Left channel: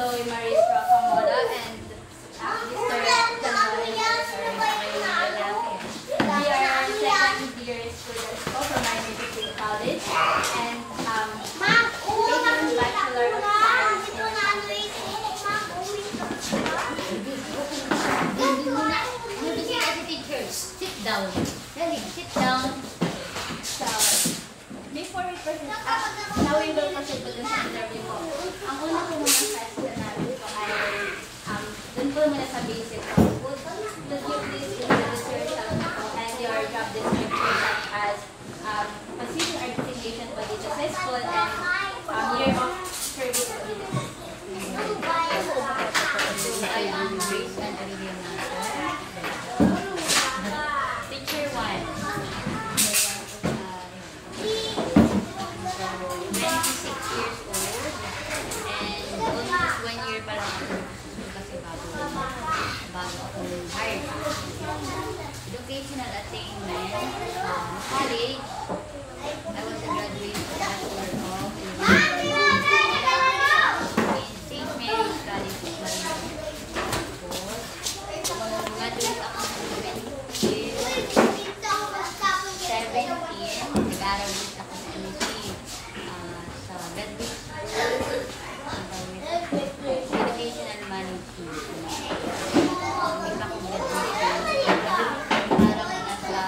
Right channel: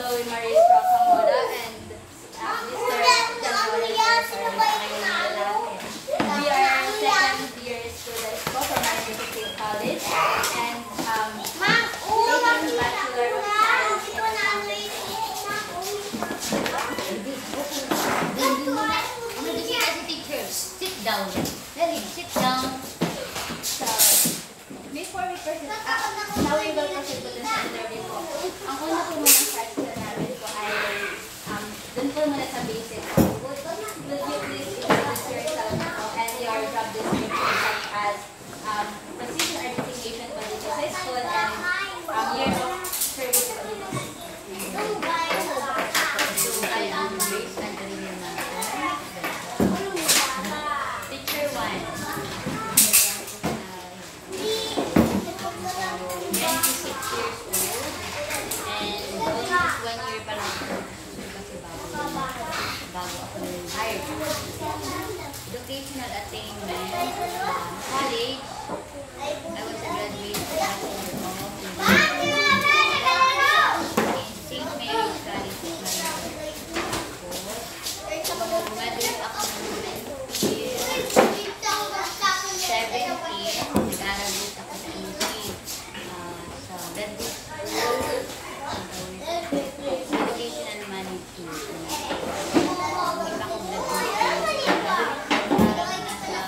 Chloe Marie Procamora and Mr. We are second year students from Marikina State College and taking Bachelor of Science in Accounting. Sit down. Really, sit down. So, before we proceed, now we will proceed to this interview po. Ang una po muna question natin po ay, dun po muna sa basic po. Would you please introduce yourself po and your job description such as position or designation po dito sa school and year of service po dito sa school. I am Grace Angelina Nato. Teacher 1. 26 years old. And almost 1 year pa lang ako kasi bago ako hired. Educational attainment. College. I was a graduate Bachelor of St. Mary's College of Marine. Graduate ako ng 2017. Nag-aaral din ako sa MSc sa Bedwick School. Educational Management. Hindi pa ako graduate. Parang nasa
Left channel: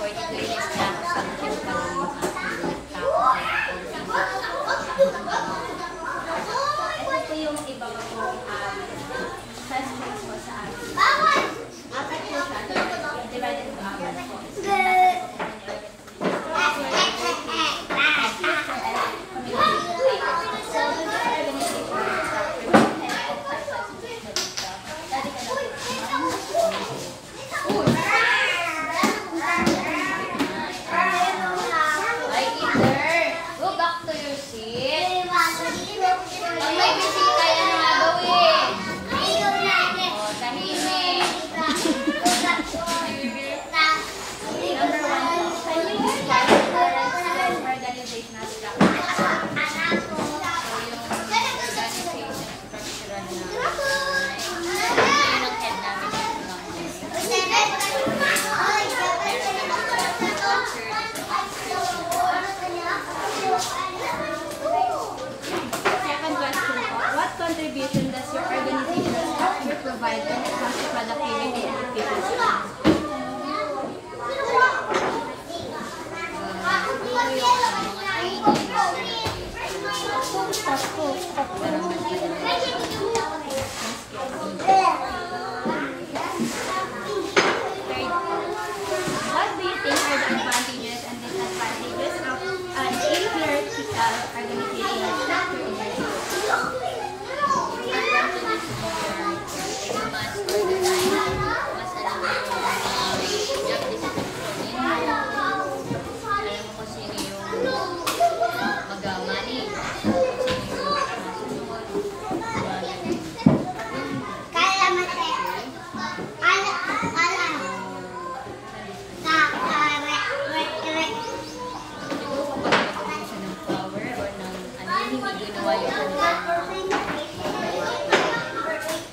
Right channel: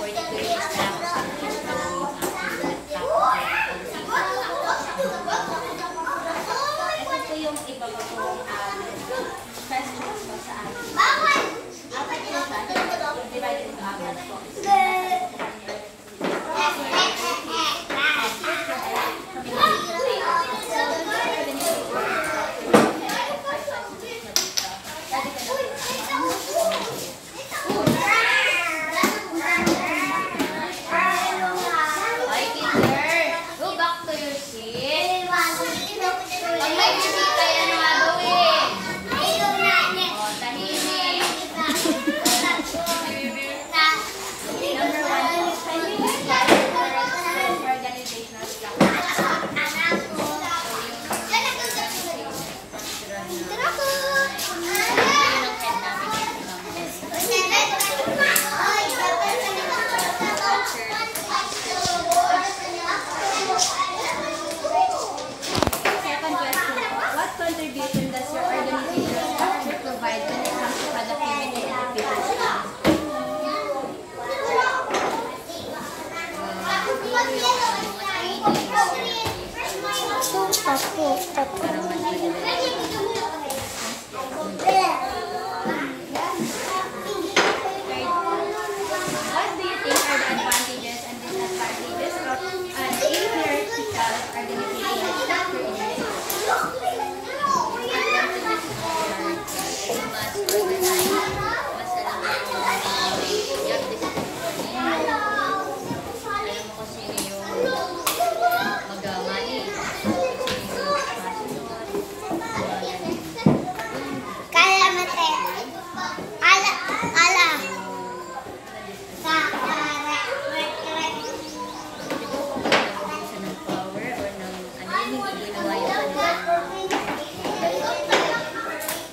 42 years na ako sa subject pa lang yung aking tapos Ito po yung iba pa pong questions po sa amin. Apat po sa atin, divided into apat po. Go back to your seat. Pag may bisita, ano nga gawin? O, tahimik. Number 1, organizational structure. So, yung organization structure na yun ang head namin dito lang. Second question po, what contribution does your organizational structure provide when it comes to productivity and efficiency? Para mas madali. kanila.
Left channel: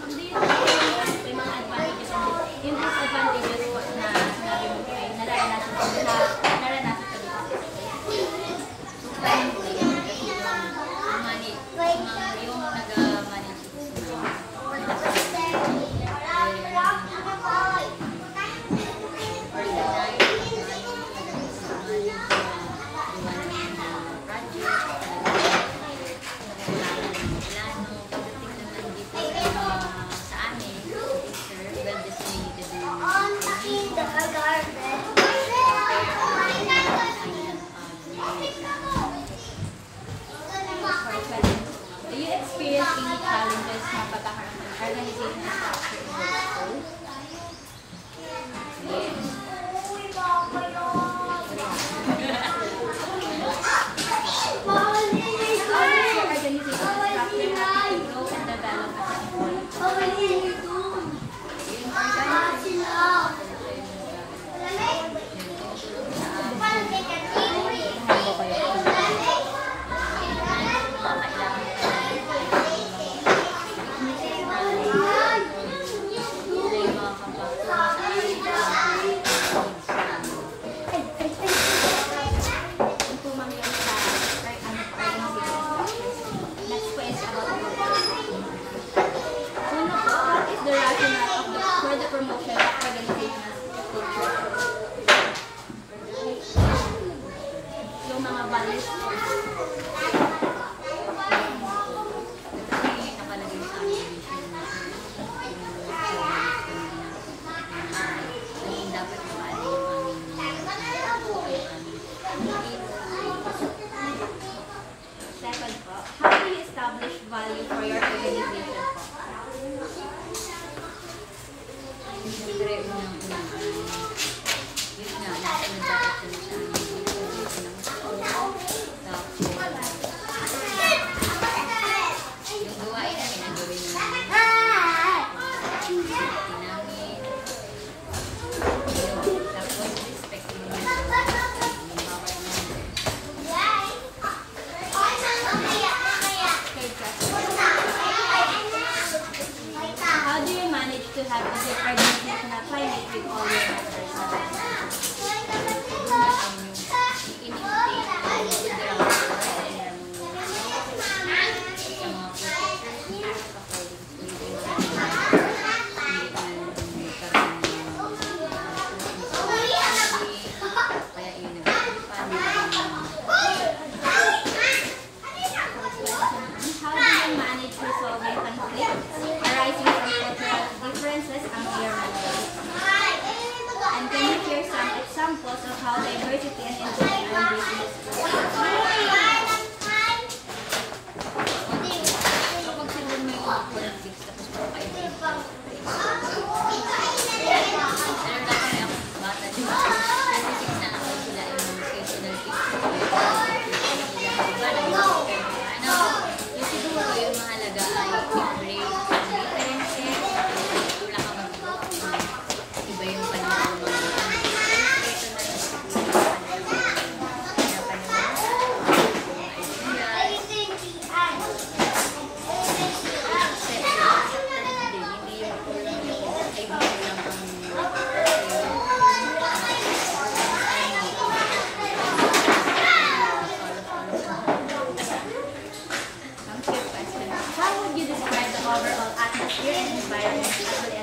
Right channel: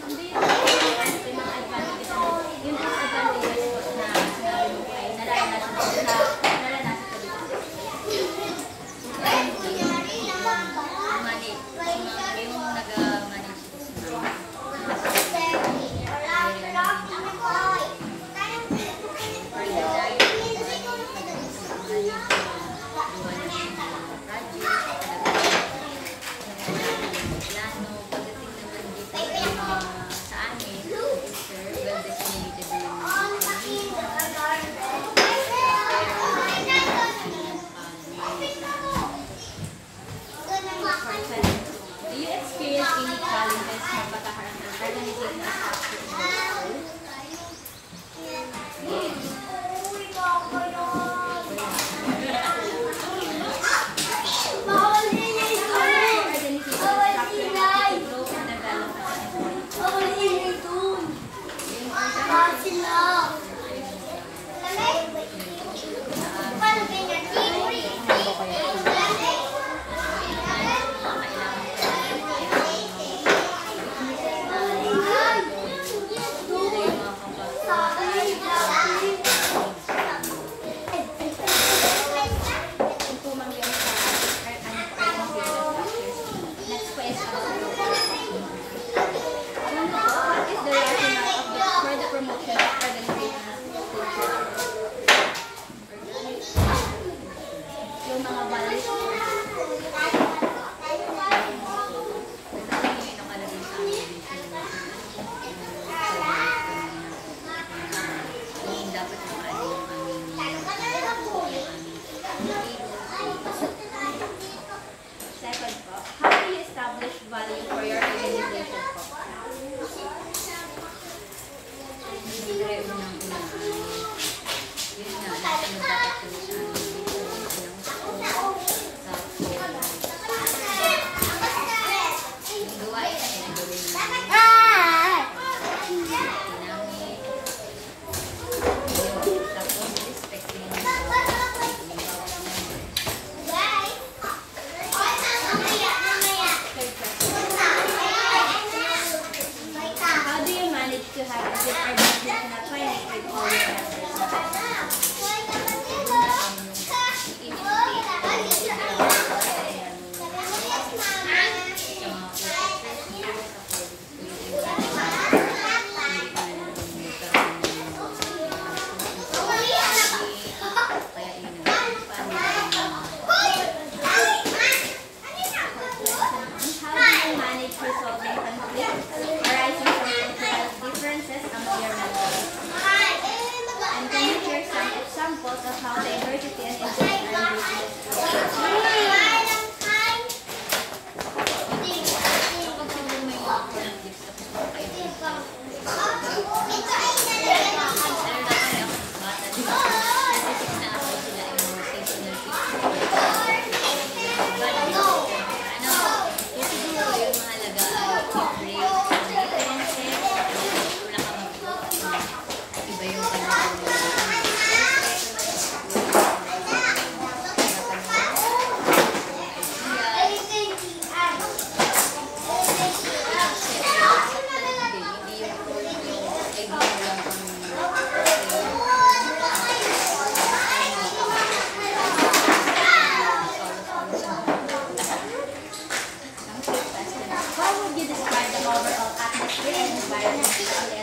Hindi yung mga advantages and yung disadvantages po na sinabi mo po ay naranasan ko dito sa yung nag-manage ito si mama. Do you experience any challenges na pagkakaroon ng organization of structure in your school? Yes. How does your organization structure help you to grow and develop as an employee? Yung organization Ano ba kaya? Kung pumangyan sa ano po, organizational structures. Next po is about the role. Una po, what is the rationale of for the promotion of organizational culture? Yung mga values po. Kasi nakalagay sa amin yung dapat yung Second po, how do you establish value for your organization po? siyempre unang-una yun nga, nasunod dapat yung sa amin tapos yung gawain namin ang gawin namin tapos respect yung bawat member. Third question. How do you manage to have a good organizational climate with all your members? How do you manage resolving conflicts arising from cultural differences among your members? And can you share some examples of how diversity and inclusion are used in the school? Kapag siguro may mga conflicts tapos magkaibigan. Pero na kami ako bata, di ba? Specific na ako sila ay mga seasonal yung siguro yung mahalaga ay i-break ang differences, wala ka mag-vote, iba yung kanyang How would you describe the overall atmosphere and environment of the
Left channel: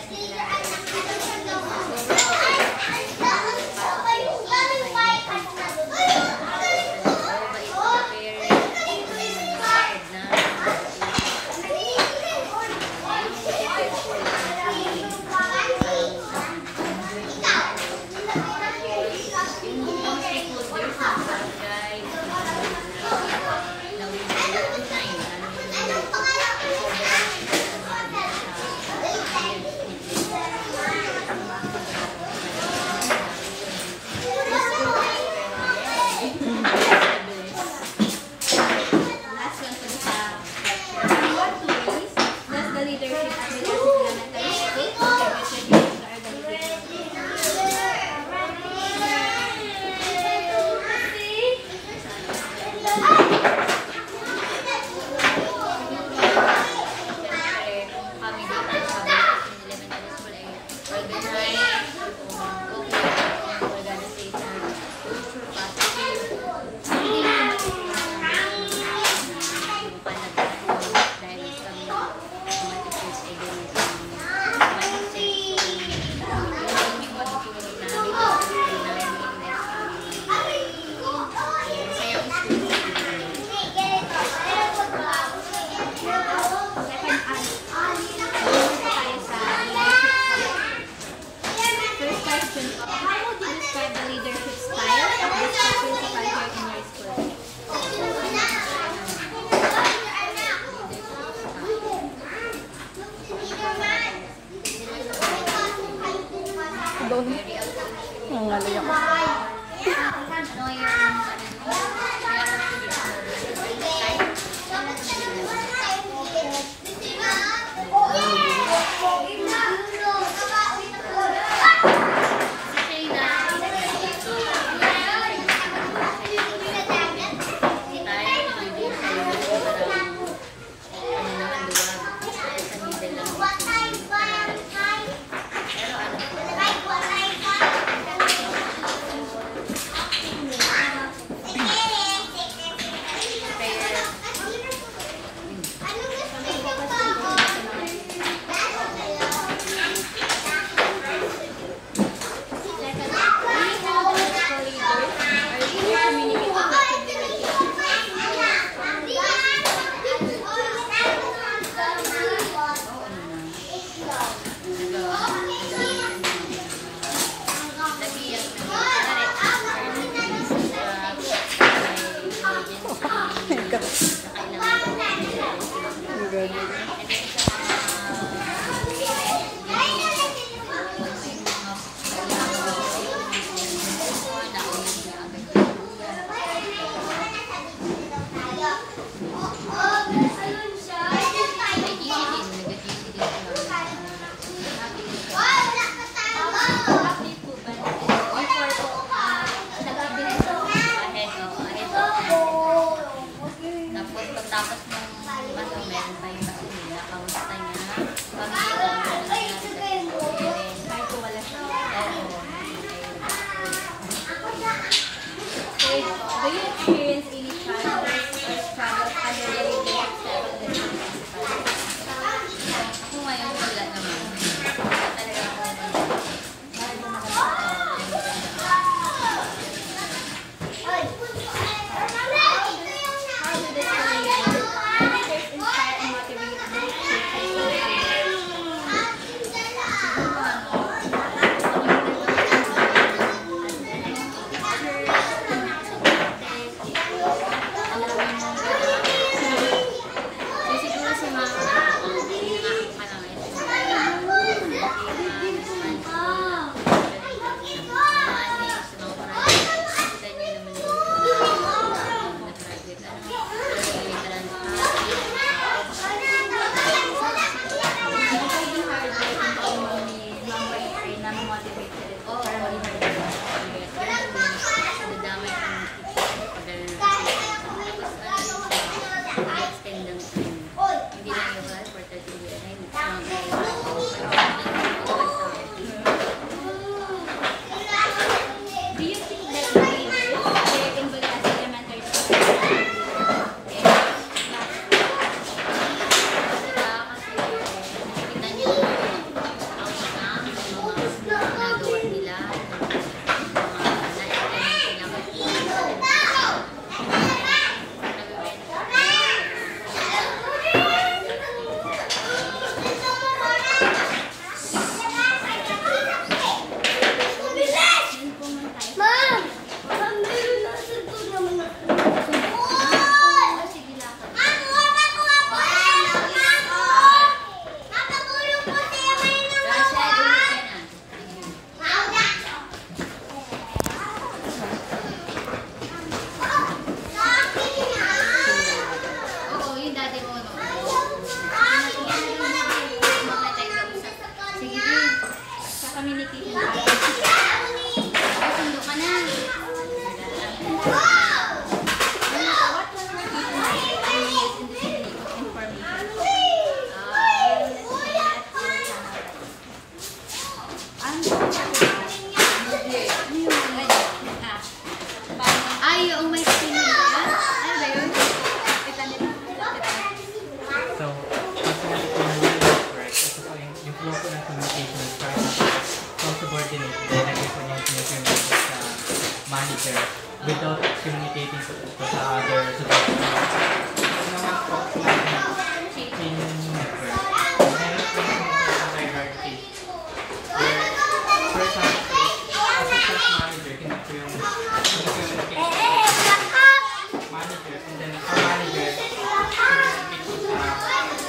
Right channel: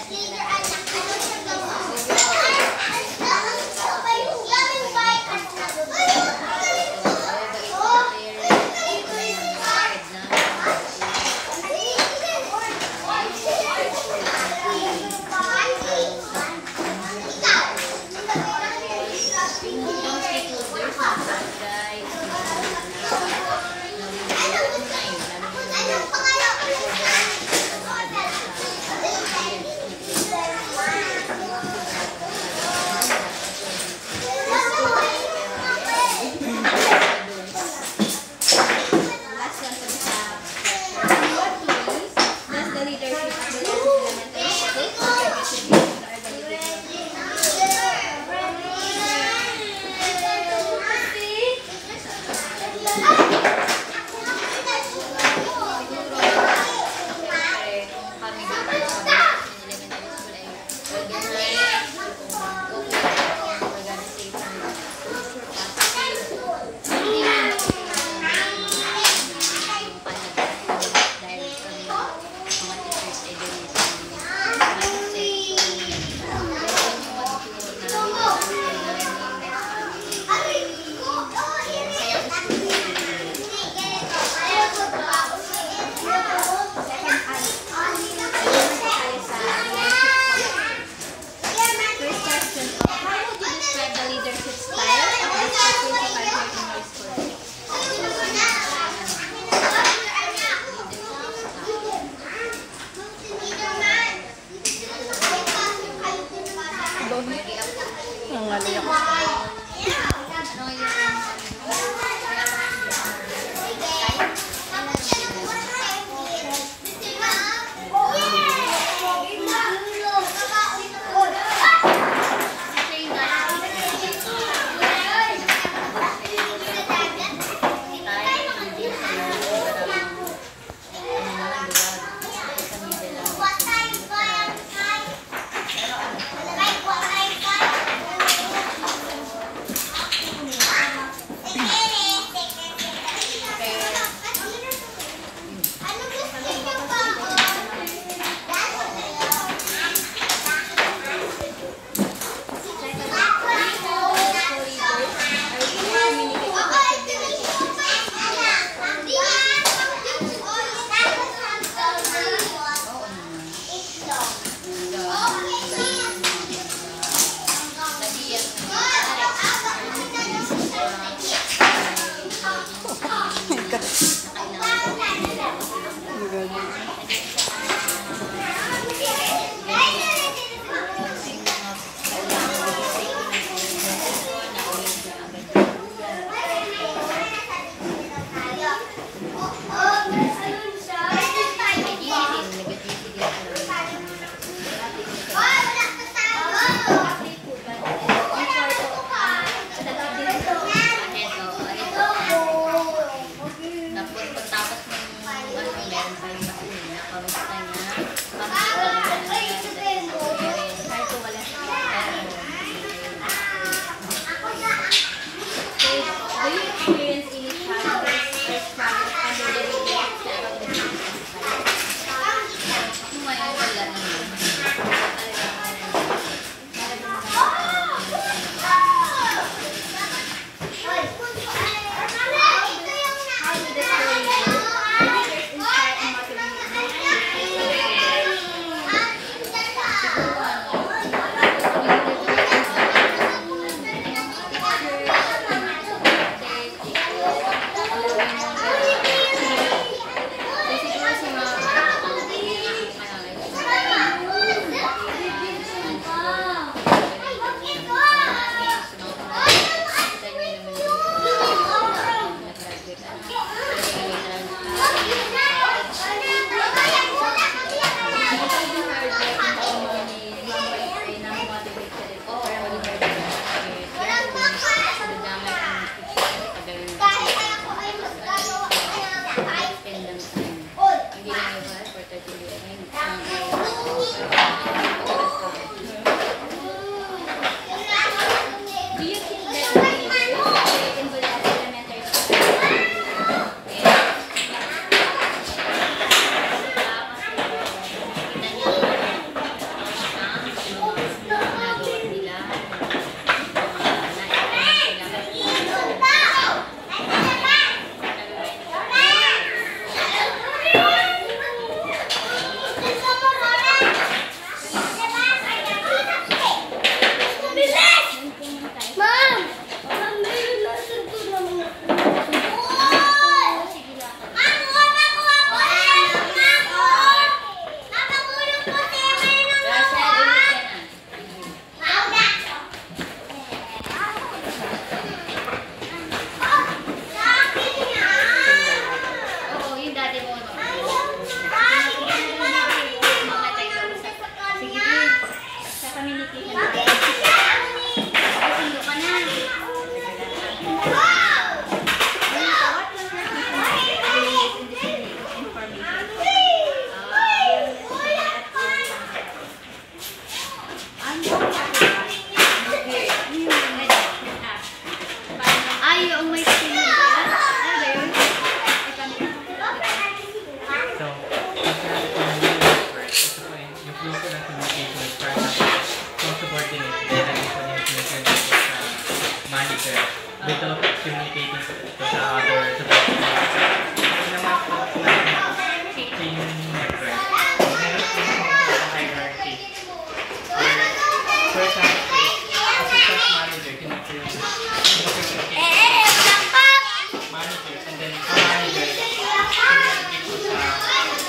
Tumalay ako. Ano yung manager without communicating to the other subordinates. Ito naman po chain network. Meron po sa hierarchy. For example, assistant manager can communicate manager, and then a manager communicate po sa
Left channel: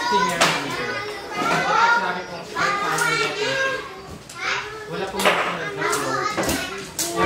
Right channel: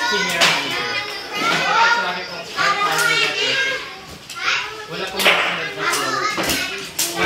senior manager. Kapag sinabi pong final network, wala pong nag-flow.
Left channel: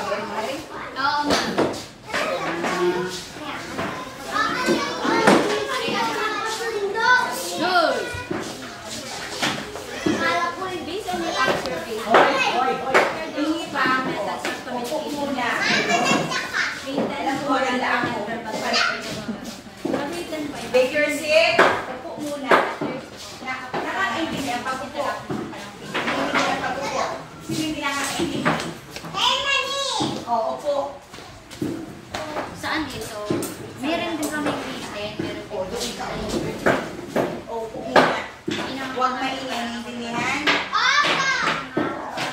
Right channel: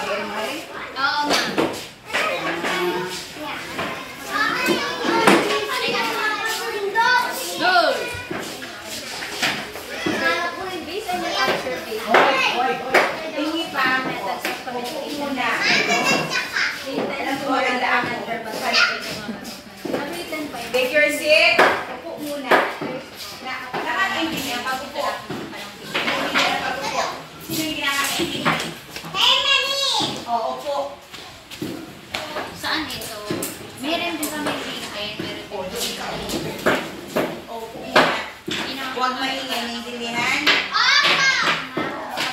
Oo, ma'am. Good. Based on your observation, tingin pa ang methods of communication na written, oral, and verbal communication. Written by Take your seat. Upo muna. Nakakaintindihan. Pag-upo. Pag-upo. Sino yung nakakaintindihan? Oo, upo. Saan ito? Meron din kami written, pero written. Upo muna. Huwag maintindihan.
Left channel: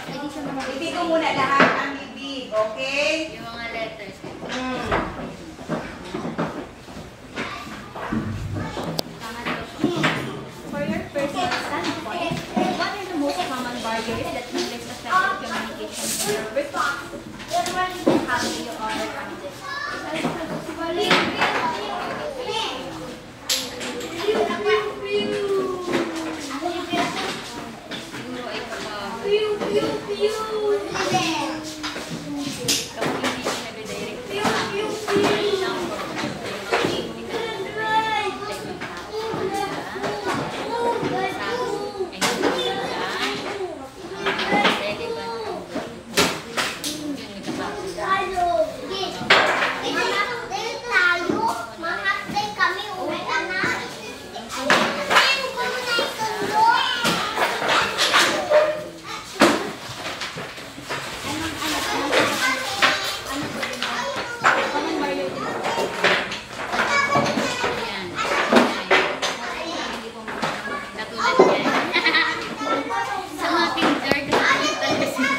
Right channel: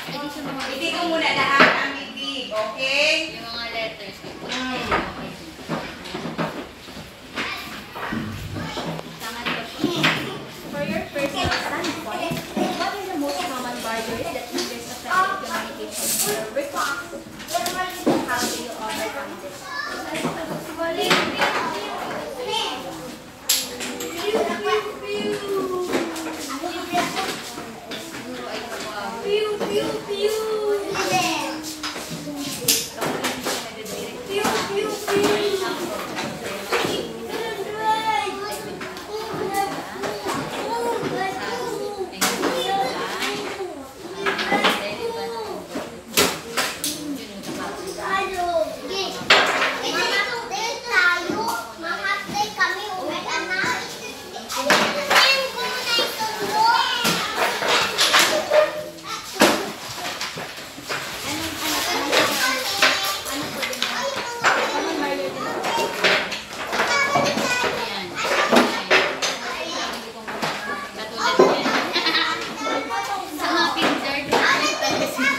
Hindi siya mga Hindi ko muna lahat ang bibig. Okay? yung mga letters. For your personal standpoint, what are the most common barriers that hinders effective communication in your work? How do you overcome this? Siguro ay kapag hindi siya nade-direct sa akin. For example, Ano po din na common barrier din po? yan. Katulad yan. Sa mga kinder, talaga sila.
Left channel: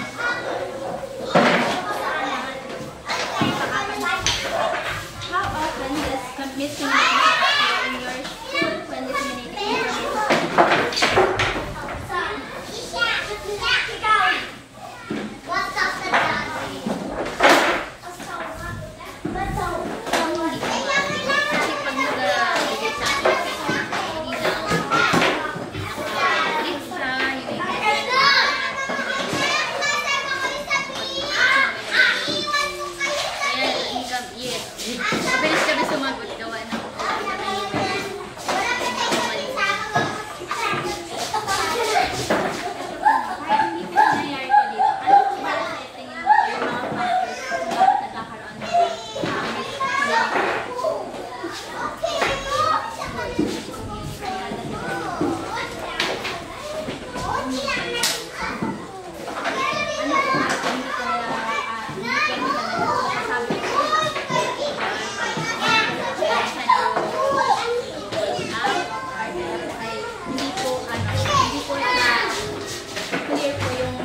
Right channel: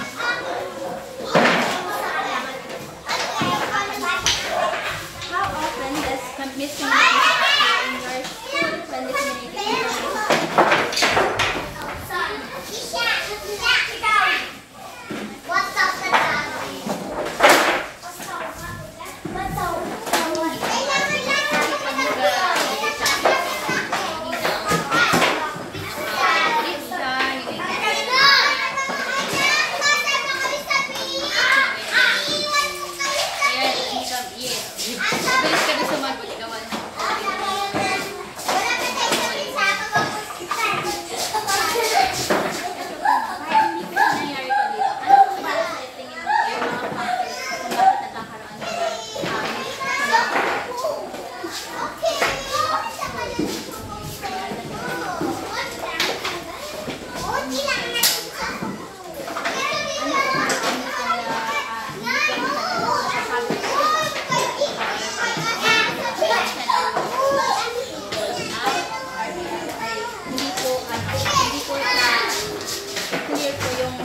How often does miscommunication occur in your school when disseminating information? Kasi pag nagbigay sa akin, linaw, naka-brief siya, yun yung yes. Mabilis kami sumagot, gawa ng Kahit hindi po nangyayari po dito, ano po ba sa tingin mo po yung mga factors kung bakit nagkakaroon ng hindi po clear po yung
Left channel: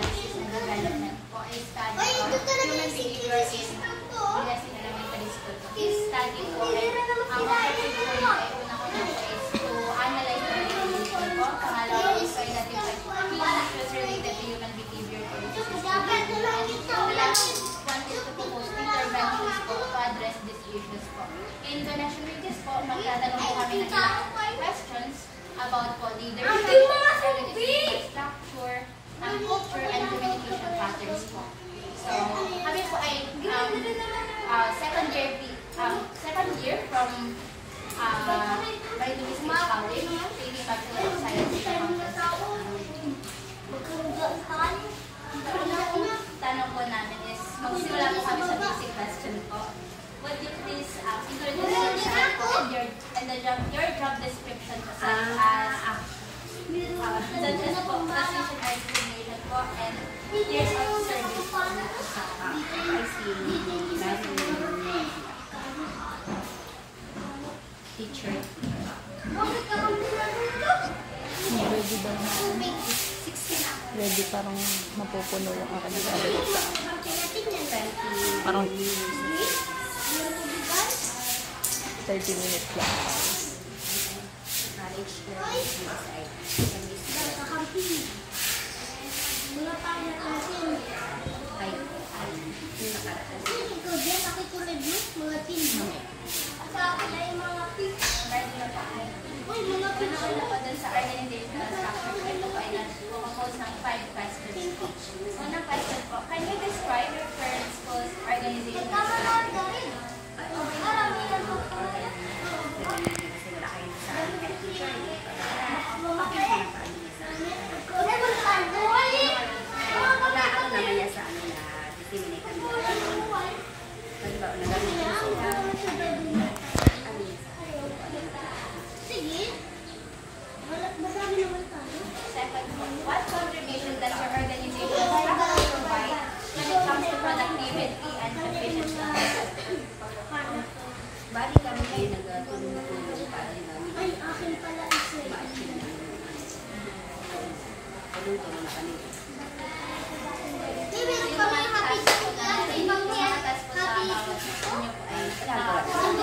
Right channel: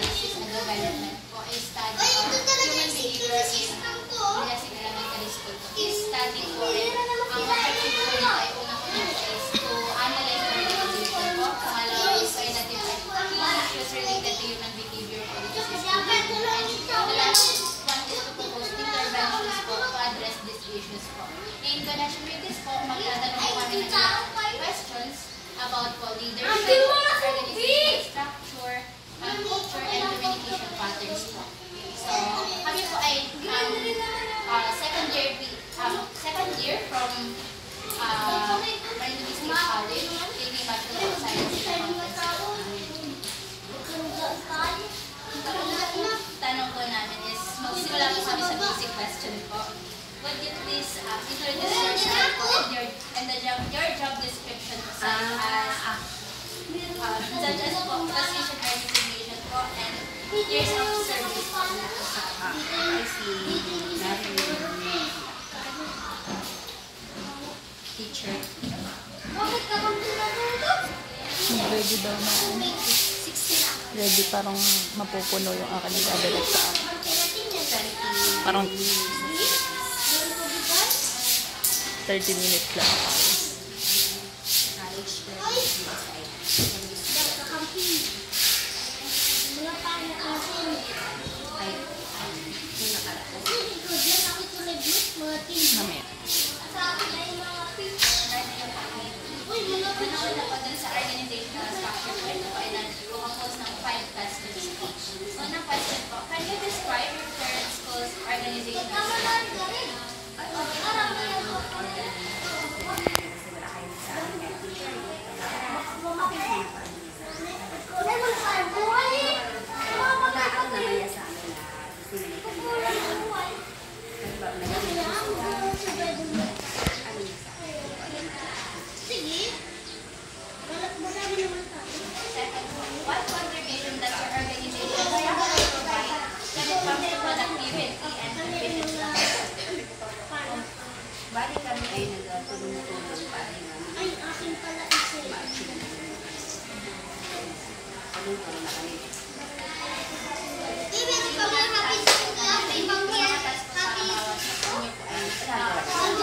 analysis and development po, a study of human behavior in Villasin Elementary School. This study po ay ang objective po nito ay unang-una po is to analyze the organization po. Pangalawa is to identify key issues related to human behavior po dito sa school. And the last one is to propose interventions po to address these issues po. In connection with this po, magtatanong po kami ng ilang questions about po leadership, organizational structure, culture, and communication patterns po. So, kami po ay second year from Marilyn State College, taking Bachelor of Science in Accountancy. Ang tanong po namin is, magsimula po kami sa basic question po. Would you please introduce yourself po and your job description po such as po, position or designation po, and years of service po sa I see Marilyn, teacher. Ready daw na. Ready parang mapupuno yung aking nag-adalat sa parang 30 minutes lang. College ay yung nakaraan. Mamaya. Una po din sa organizational structure po, ito po ay nag-compose ng 5 questions po. Unang question po, can you describe your current school's organizational structure? Okay na kasi wala kayong sa ano niya, teacher. Okay na paano niya sa ano. Ano naman niya sa ano na disseminate kami na. Kasi ba, nagamit niya sila. Ano niya sa ano. Second po, what contribution does your organizational structure provide when it comes to productivity and efficiency? Bali kami ay nagtulong-tulong para yung namin ma-achieve na yun. Tulong-tulong na kami.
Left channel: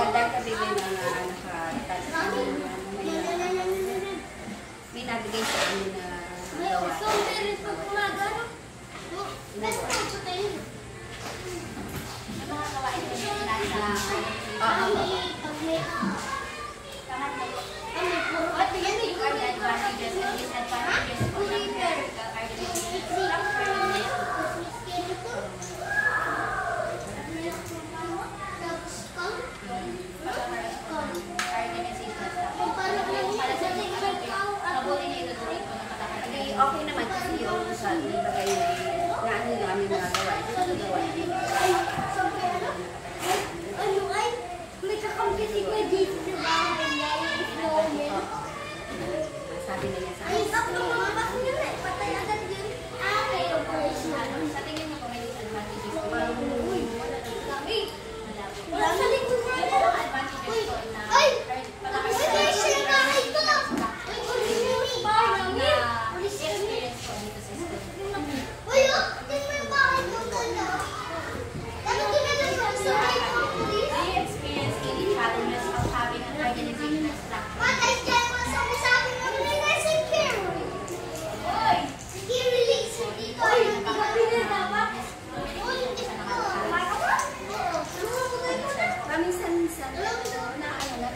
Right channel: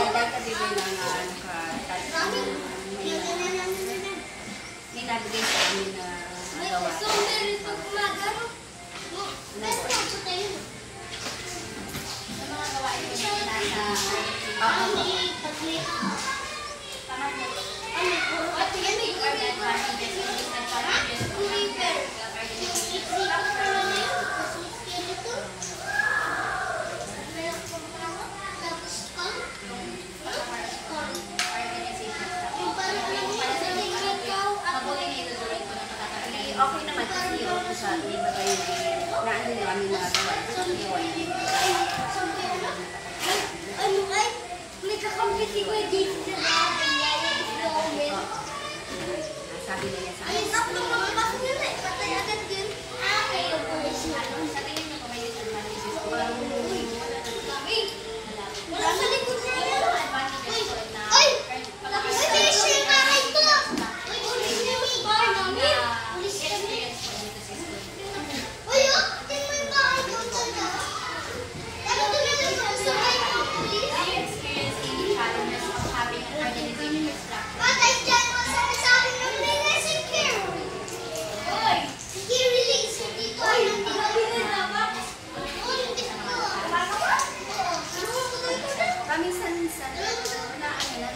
Dahil kasi may mga may nabigay sa amin na gawa. Nagawa. Yung mga gawain po nila sa pangatlo po. What do you think are the advantages and disadvantages of the organizational Okay naman kasi yung sa iba kayo na ano yung aming mga gawain. Ito sa gawain. Sabi na niya sa akin. sa tingin niyo po may disadvantages po? Parang paminsan-minsan na ano na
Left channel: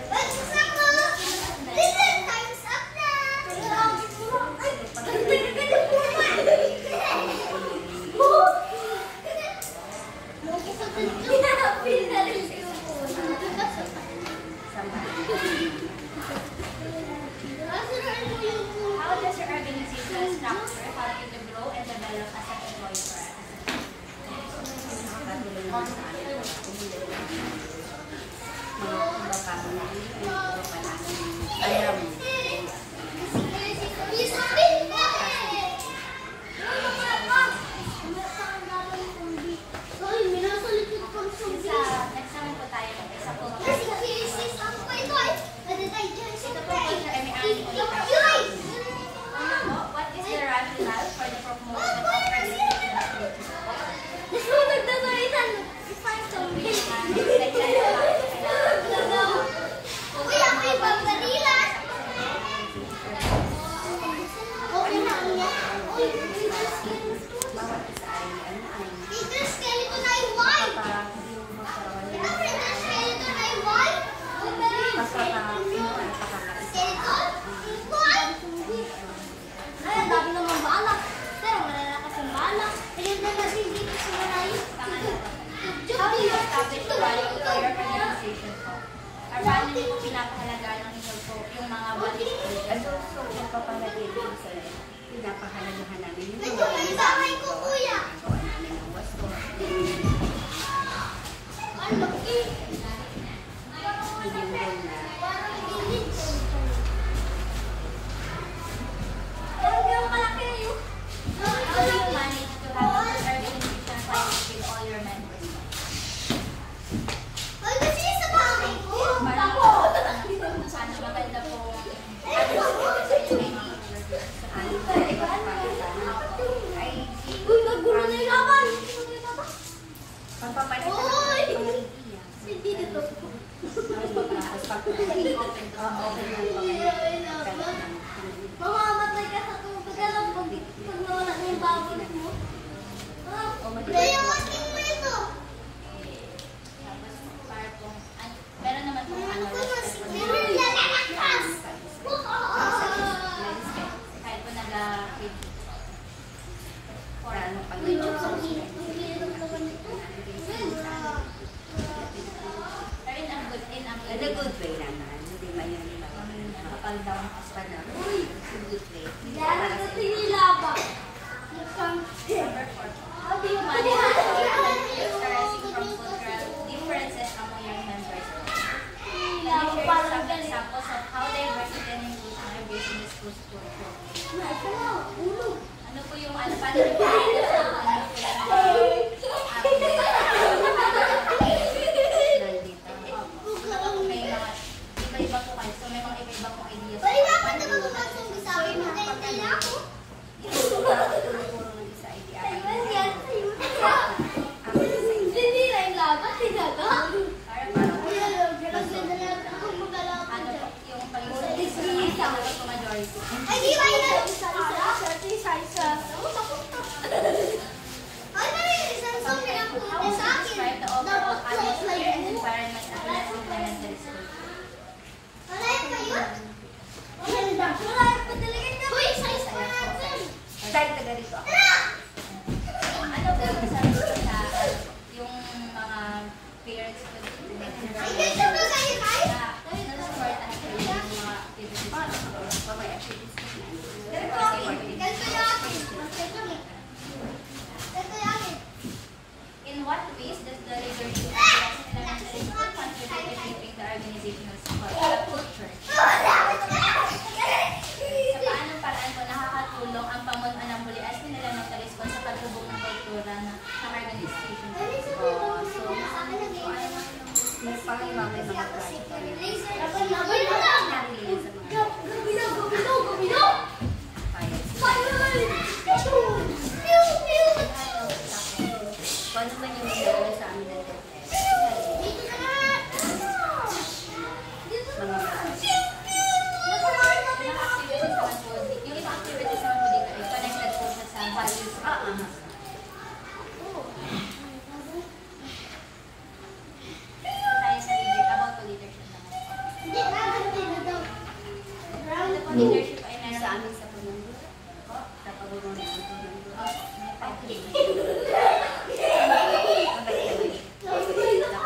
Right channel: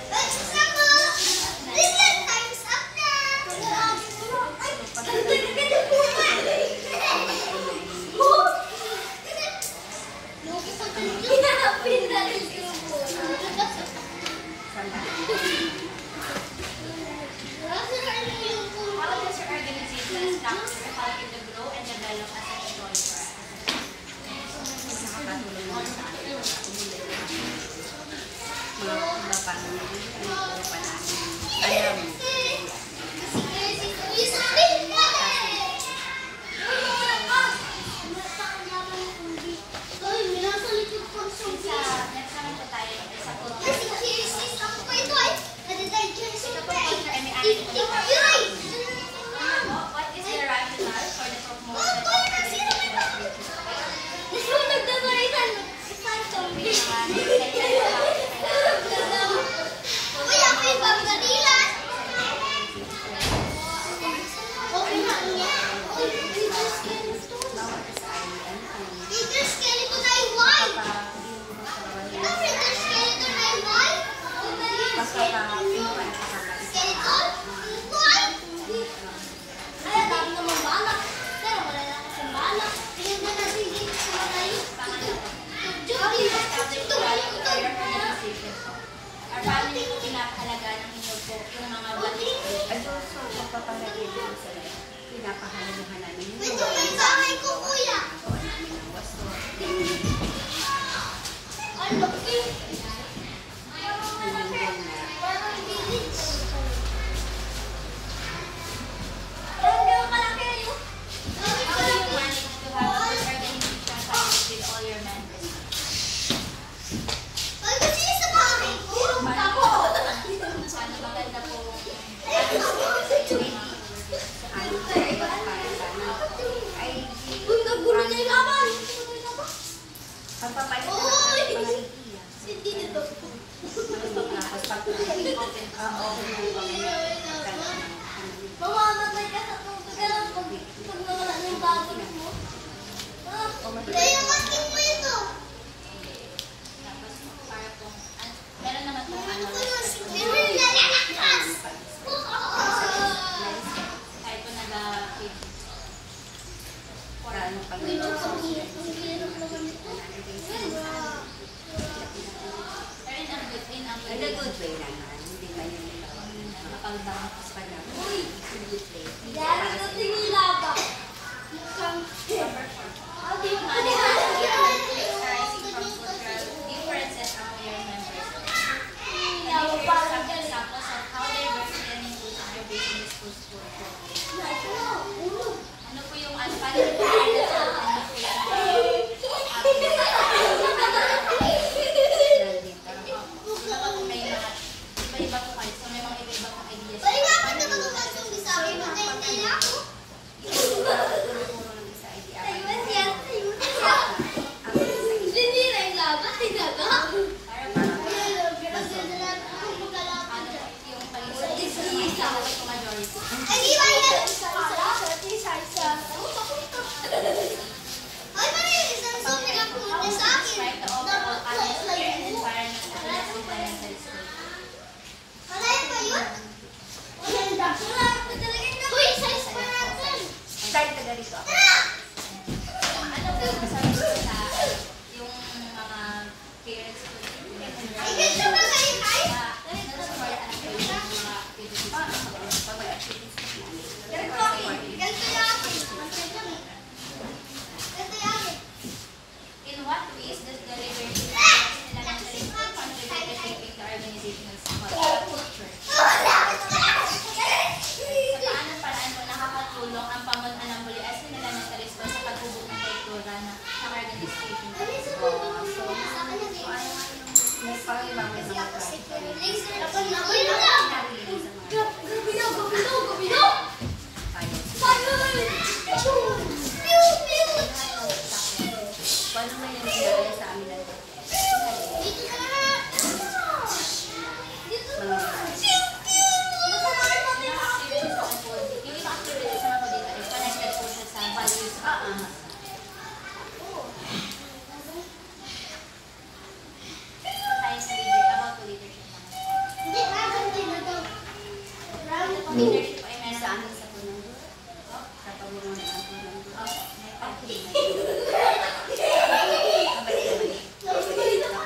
How does your organizational structure help you to grow and develop as an employee for us? nakakatulong naman sa akin para tumulong mga iba pang iba pa namin alam. Next naman po tayo sa po. What is the rationale How do you establish quality for your organization po? Or paano niyo po pinapahalagaan ng inyo po yung mga qualifications? Ano, so, magpapalagay din sa pinapahalagahan namin yung Ito, isa kay kuya. gawa namin ng wasto. Yung goal na How do you manage to have a good organization practice with all your members? Sana maganda po atmosphere sa inyo ng mga workers. sa amin sa ibang pangalanan ay pagpapalitan ng mga ideas. Tapos pag-open ng mga Tapos para pong, meron naman pong kahit po nag-page. Lalo pag nag-observe Pero in a in a good way naman. Hindi ba yun nakapal-down pa sa in a good way. Para sa Number 4. How do you manage conflicts arising from cultural differences among your members? Can you share some examples of how diversity and inclusion are based in the school's culture? Ano po yung paano yung iba pa po may mga iba-iba po kayo. So may mga iba-iba pong ideas. Tulong-tulong ng isa ay di apat. Ano po yung pag-isip sa mga dapat po majority. How would you describe the overall atmosphere and environment of the Las Elementary School? Dahil taga rito ako. Ano po yung sabi ko sa yung mga parents ko nag-support after yung mga activities? Pag may activities namin. In what ways does the leadership of the Las Elementary School contribute to shaping the organizational culture? Sa paanong paraan po nakakatulong ang pamunuan ng Bulias na Elementary School sa paghubog ng kultura ng organization? So, may pangaliwa may mga project kami. Narinig sa mga paano man yung nangyari sa amin ng mga Yung ibang activities naman po dito is connected po siya sa values. Tayo sa about po leadership naman po. Ito po leadership po ay meron sa amin sa punong sa pagbubuo ng punong may pag-ibig. Mabait naman.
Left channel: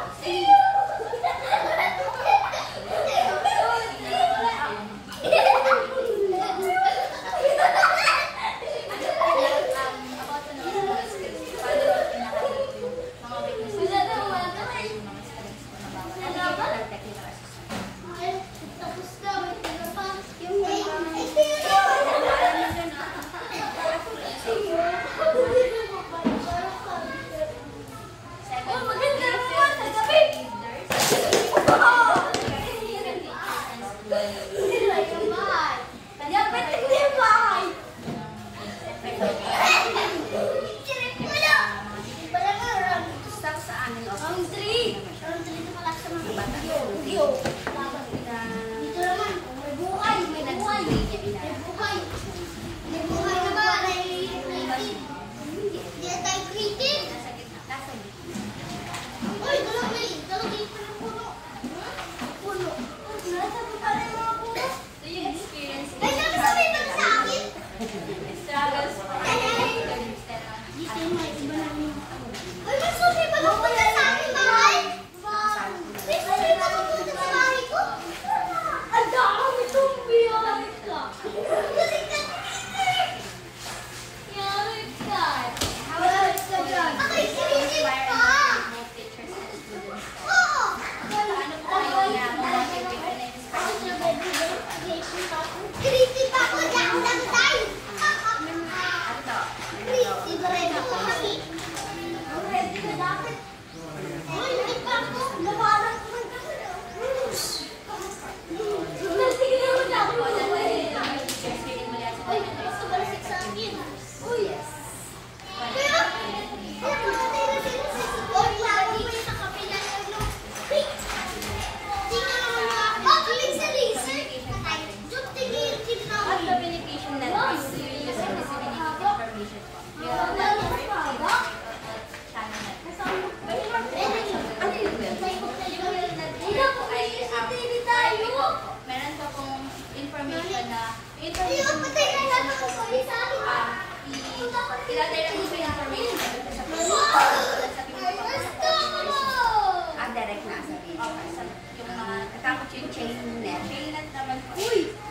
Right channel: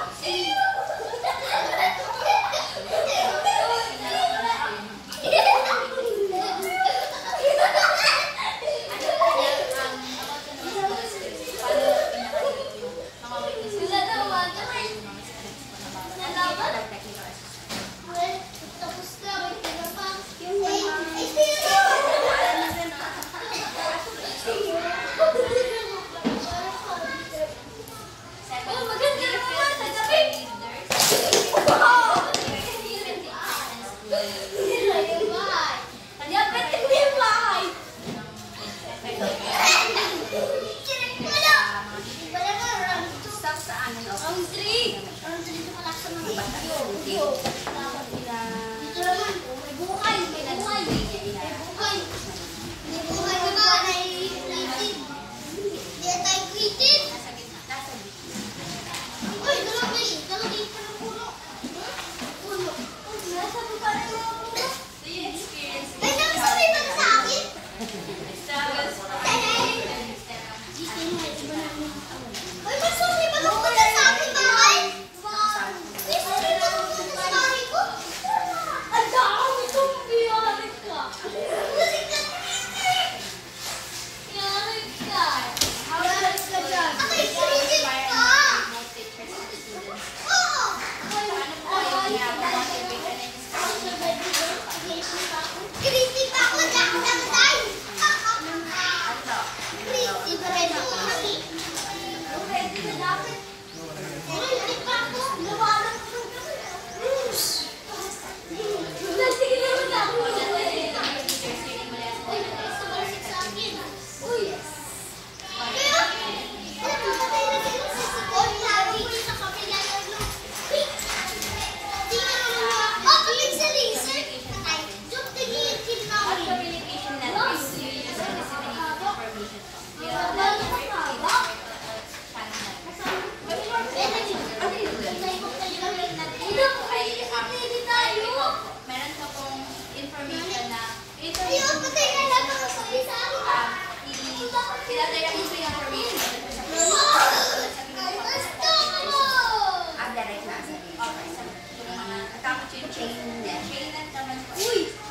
yung chainnet naman po.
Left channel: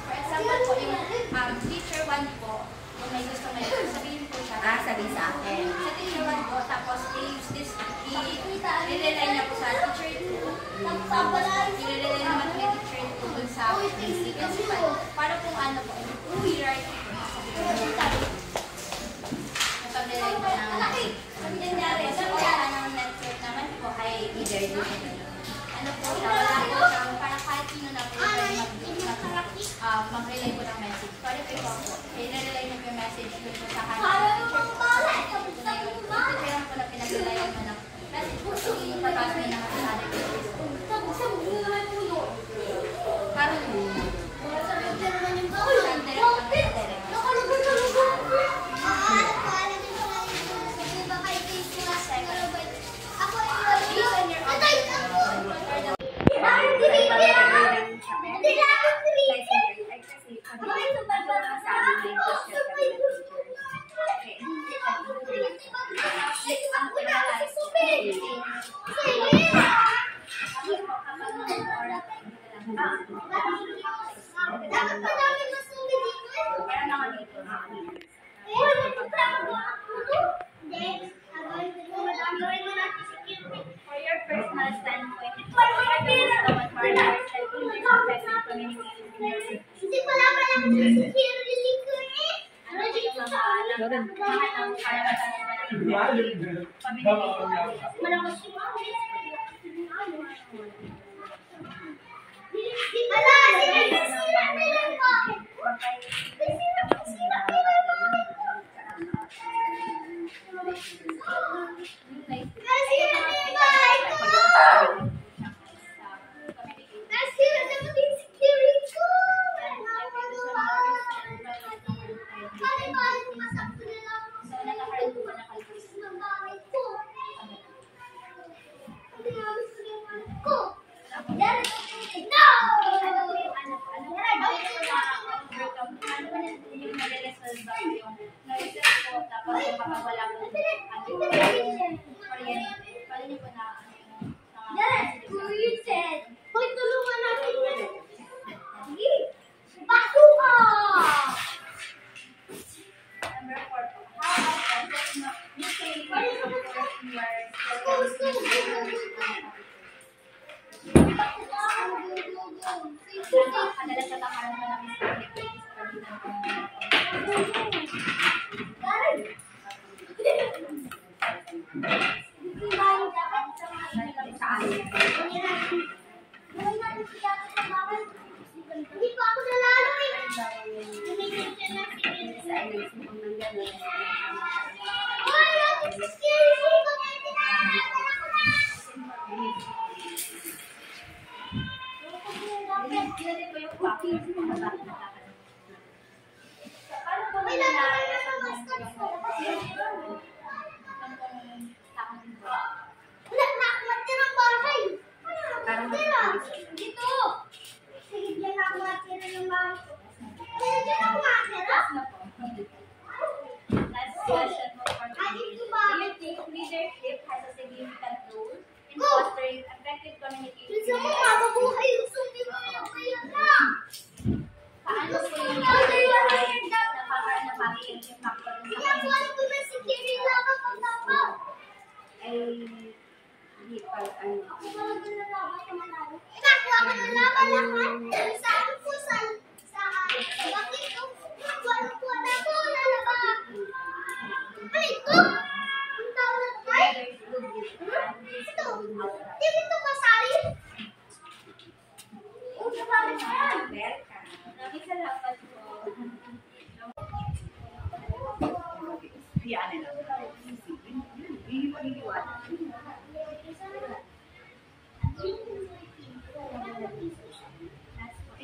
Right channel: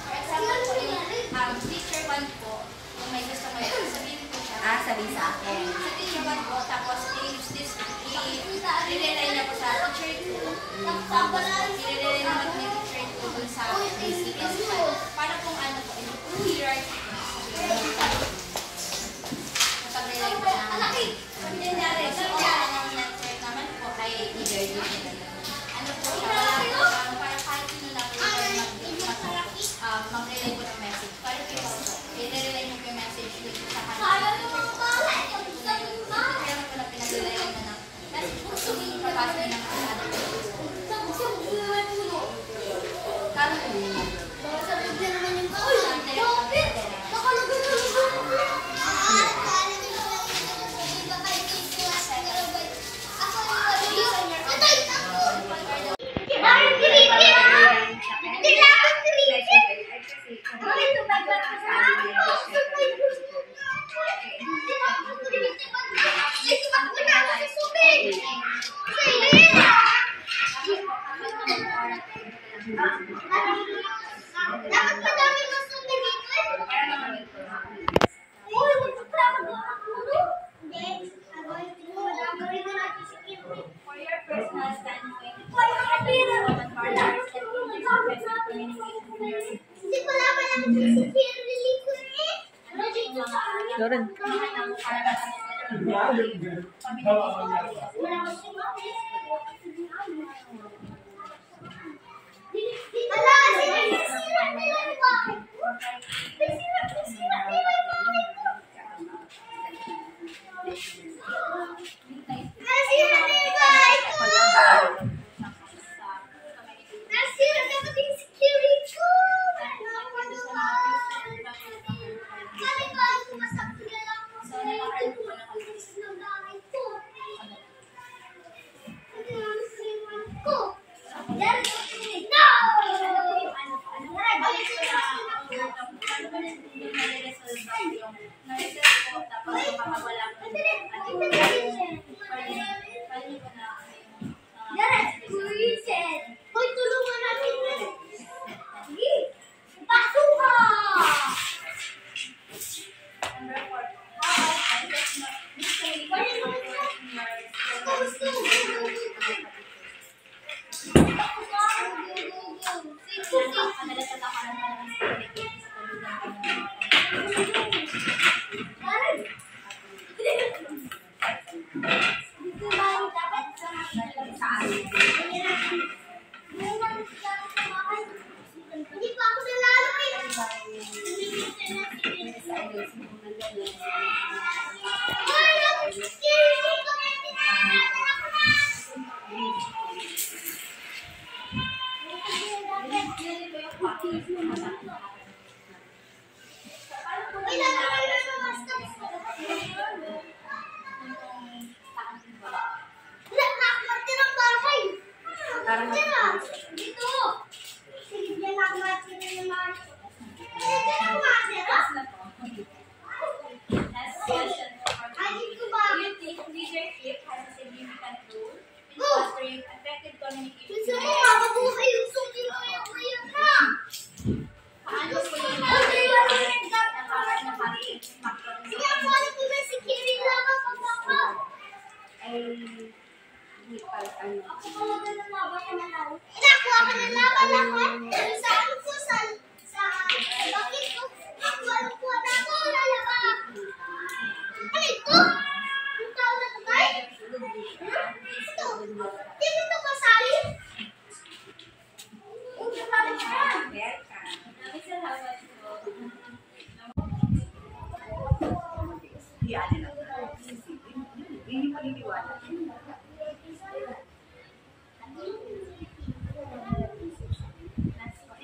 For example po, yung teacher 1 po, kung may gusto kayo, sabihin po siya. Sabihin sa akin. Sa teacher 1 po, tapos i-use this, i-relay niya po sa teacher 2. Tapos i-relay naman kay teacher 2 dun sa principal. Para kung ano po, hierarchy po. Napag-relay po namin. Sabi nangyari, sa online ng network naman po ay either dito na yun. Ano po siya, wala po siya, para kahit sino na po mag-relay po ng message. Para po ikaw po, i-relay niyo po yung message dito sa kanya. Kaya po na pinag-relayan mo ng message po, i-pass niyo naman sa ating message. Parang for your personal standpoint, Lauren.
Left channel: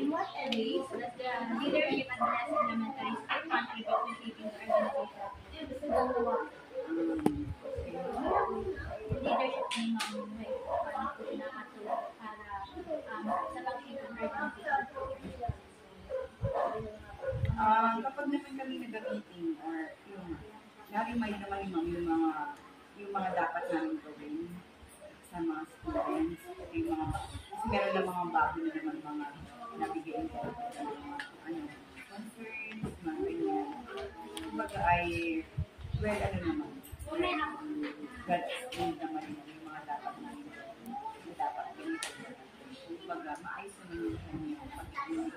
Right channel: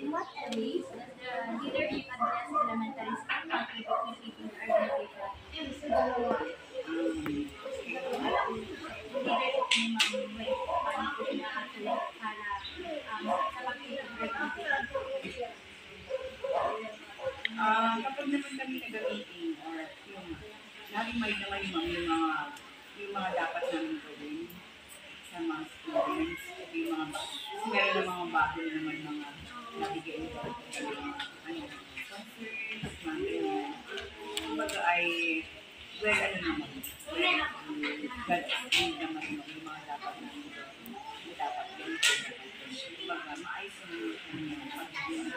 In what ways does the leadership address elementary school contribute to shaping the organization? Sa dalawa. Leadership ni Ma'am Way, paano po pinaka-select para sa pag-lead ng organization? Kapag naman kami nag-meeting or yung nari-mind naman yung mga dapat namin gawin sa mga students, yung mga Kasi meron na mga bago na naman mga nabigyan ko. Concerns, mga ganyan. Kumbaga ay, well, ano naman. God will naman yung mga dapat namin gawin. Yung dapat ganito. Kumbaga, maayos naman yung kanyang pag-ibig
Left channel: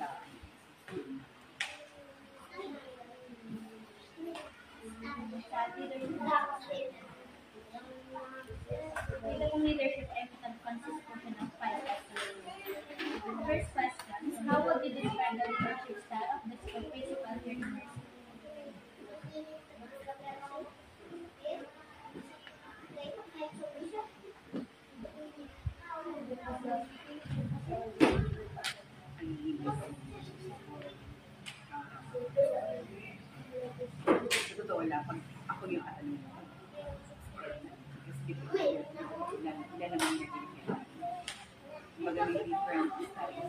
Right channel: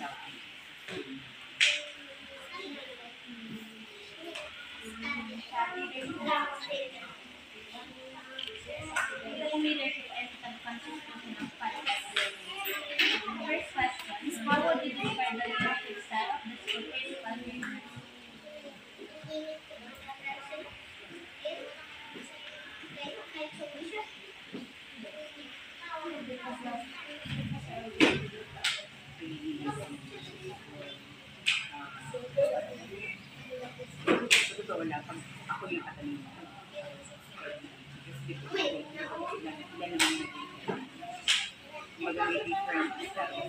sa leadership and consistency of five. First question is, how would you describe the leadership style of the school principal here? Sa totoo lang, pag ako yung katanong mo, ilan naman yung kumbaga may different styles.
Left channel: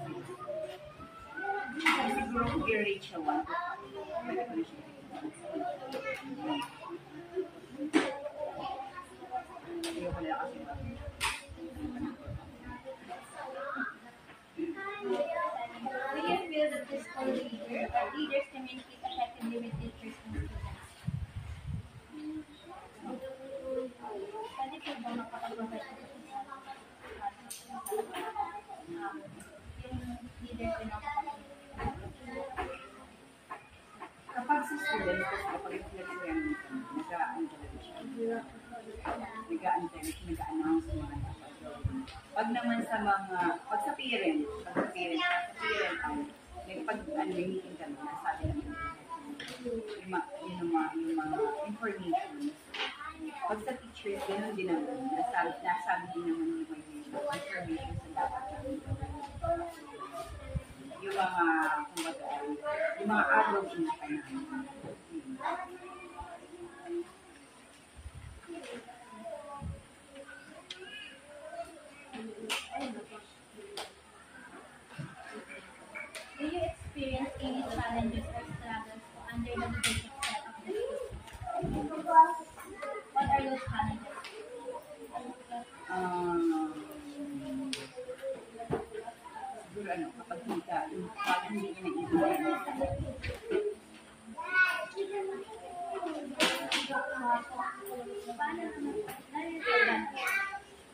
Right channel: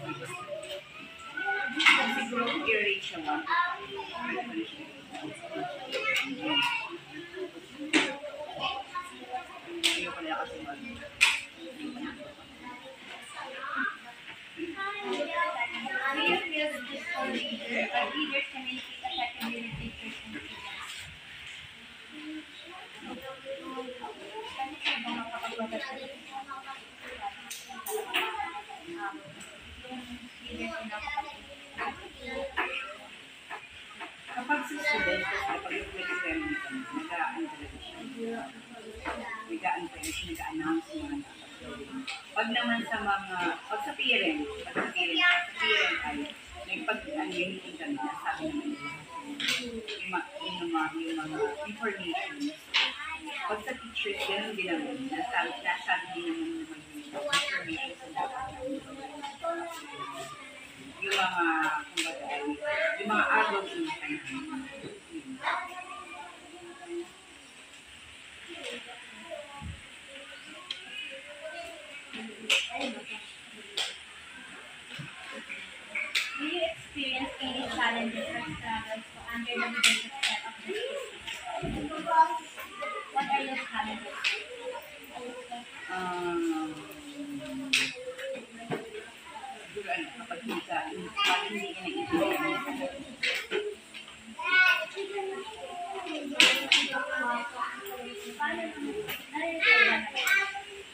Siguro kung i-rate siya 1 to 5, pwede ko na siya. Ayoko na kasi mag Do you feel that this school leaders communicate effectively with teachers and students? Kasi siya ba makakapagbagat sa yung leaders na kapag sa student, kapag nag-ceremony kami, nag-aan talaga siya. Nag-aan tayo siya, nag-announce yung mga dapat gawin. Pag naman sa mga, pag sa parent ay, pag-meeting kami, nasabi naman nila yung mga information. Pag sa teachers, gano'n din naman, nasabi din naman yung information sa dapat namin gawin. Yung mga, kumbaga ay, yung mga araw yung kanamin. Do you experience any challenges or struggles under the leadership style of the school? What are those challenges? Siguro kapag hindi ka naiintindihan Paano naman? Nare-resolve naman?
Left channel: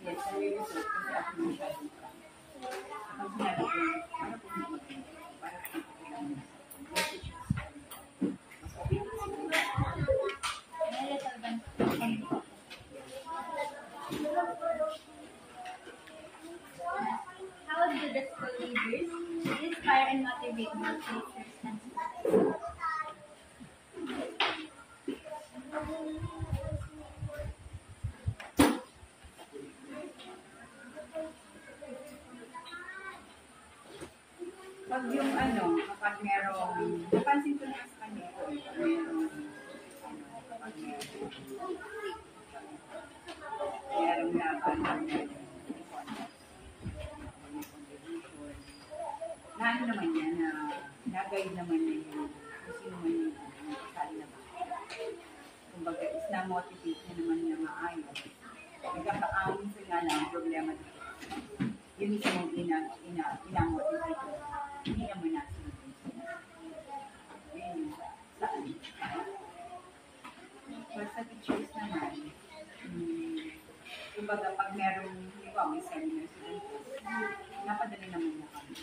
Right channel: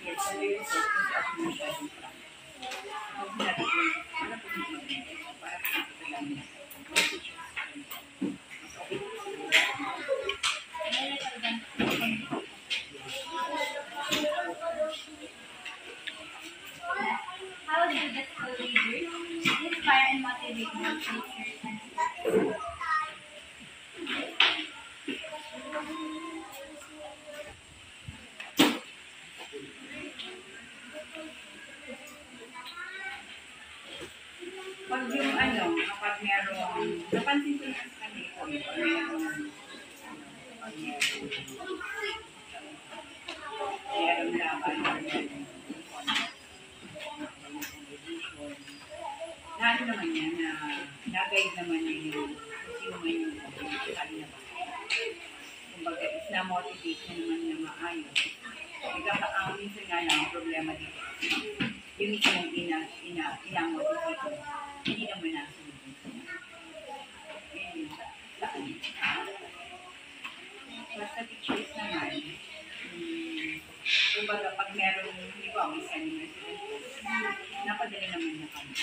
yes, nare-resolve kung sa ako masyadong practice. Kapag sinabi ko, para po hindi mag-init, para po hindi lang message. Mas okay po siguro. Nare-resolve naman? How do the school leaders inspire and motivate their teachers and students? Pag yung kapag merong, napansin ko na sa kanya ko, pag merong laban or merong ano naman niya, na-guide naman niya yung sino man yung kasali na ba. Kumbaga, is na-motivate niya naman niya maayos. Ang minsan nga lang, ang problema dito. Yung mismong ina-motivate mo, hindi naman nasunod. Yun yung saan. But sa teachers naman, kumbaga, pag merong, hindi ba, may seminar sila, napadala naman niya kami.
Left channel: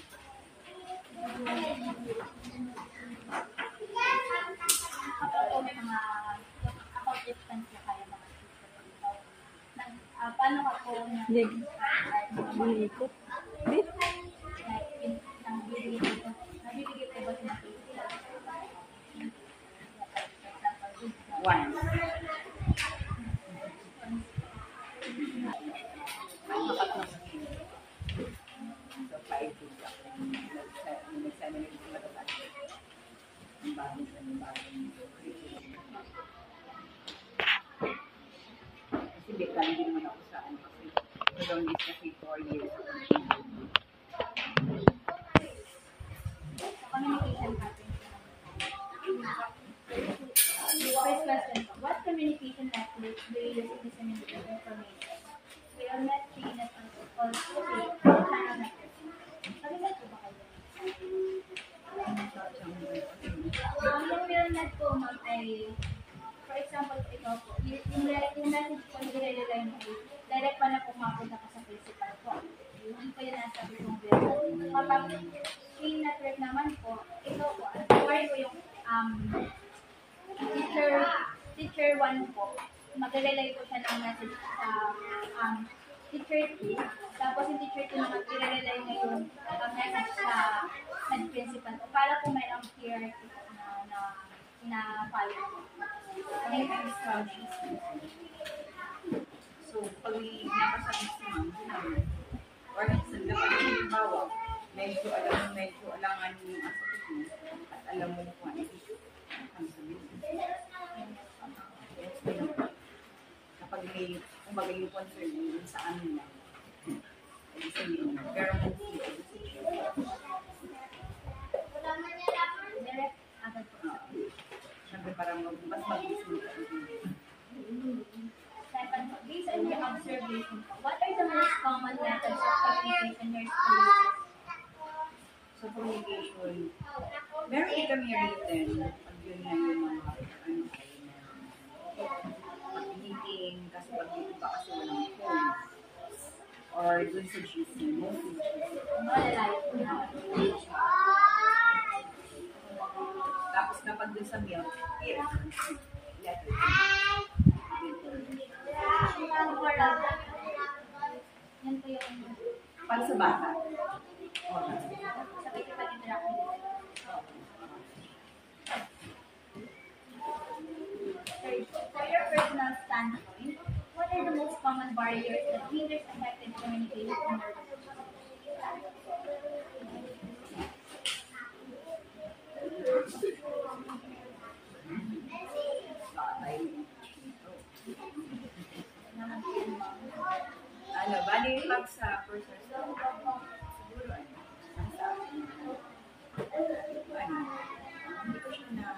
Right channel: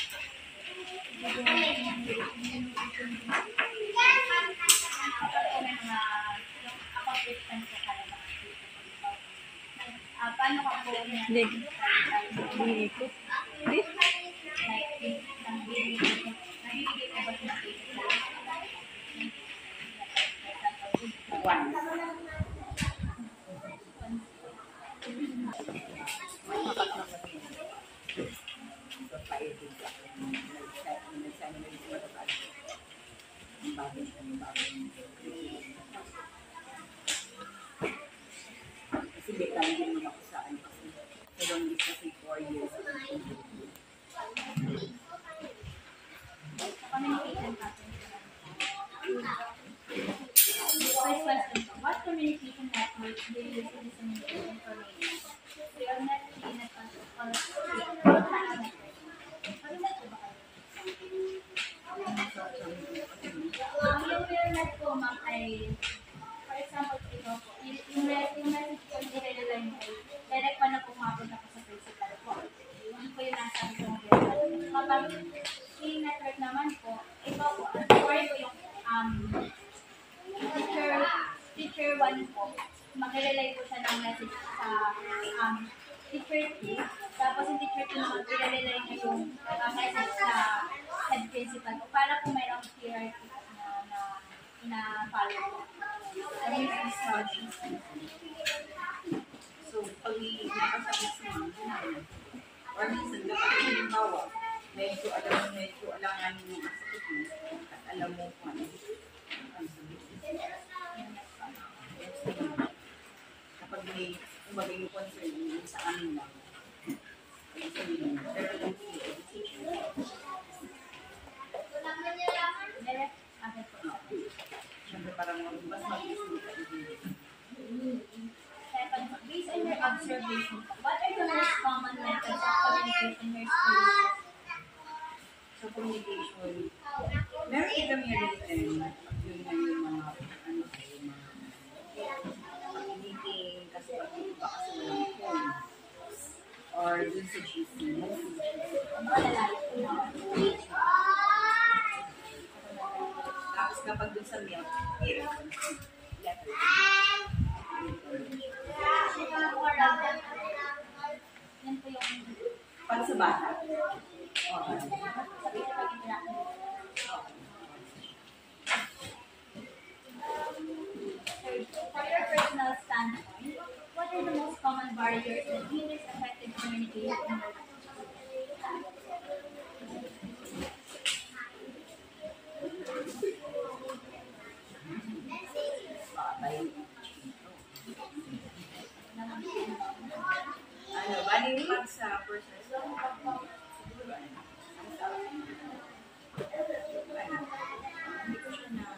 Kapag po may mga accomplishments ko kayo mga teacher, paano ka po Hindi. Hindi ko. Hindi. nabibigay ko ba sa mga teacher? One. So, 5 days ako. Nag-seminar sa matapad. Ang bagong curriculum. Kasi betang din naman ako sa kasi sa longest kasi 4 years ako. Sa communication patterns. First question po, what communication networks do you use to disseminate information? We are not trained at all ma'am ay, for example po ito po, yung message po na nire-rely mo ay direct pa na po mapunta pa sa principal po. Yung po yung nasa isang grade. Kapag in network naman po, ito po, or yung teacher 1 po, mag-relay po siya ng message sa teacher 3, tapos yung teacher 2 naman, i-relay niya yung message sa head principal po, para po mayroong hierarchy po na ina-follow po. Ano yung instructions? So, pag napasabit si ma'am, sinabi or minsan kapag halimbawa, medyo alangan yung asakit mo at alam mo kung ano sabihin. Yes, kapag may kumbaga yung concern yung sa amin lang, ay sabihin mo. Pero kung si teacher, Direct, agad po. syempre parang mas mag-isip ka. Second po, based on your observation po, what are the most common methods of communication your students? So, communication, meron kami written, pag yun na yung mga, pag-meeting, kasi pag iba kasi walang phone, or dun sa GC, mostly GC. Malalayo po na. Tapos kapag dun sa mail, here, letter. Yan po yung Pag sa bata. sabi sa pag-interact nila. Third, for your personal standpoint, what are the most common barriers that hinders effective communication in your Bali pag sa personal standpoint, siguro hindi ko siya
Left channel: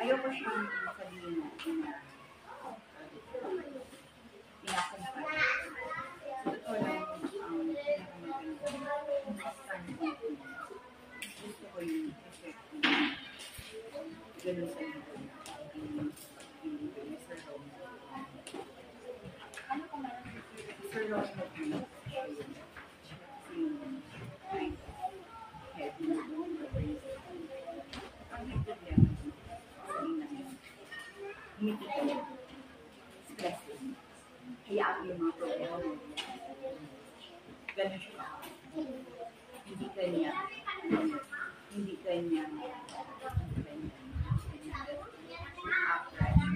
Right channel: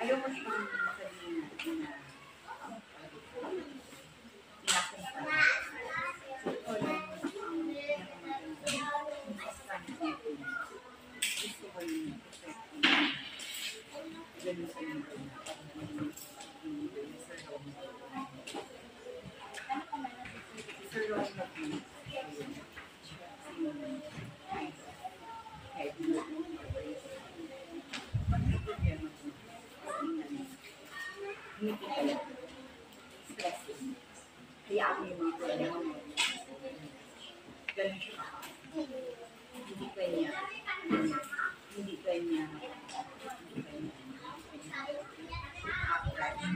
ayoko siyang sabihin na pinakumpay. Sa totoo lang, pinakamaganda, consistent natin. Gusto ko yung effective. Ganun sa inyo na Sir Rome. ano pa meron sa Sir Rome mag-meet. Pag may problema, humiti ka lang. Stress yun. Hayaan mo yung mga problema mo. Ganun siya ka. Hindi kanya approach na.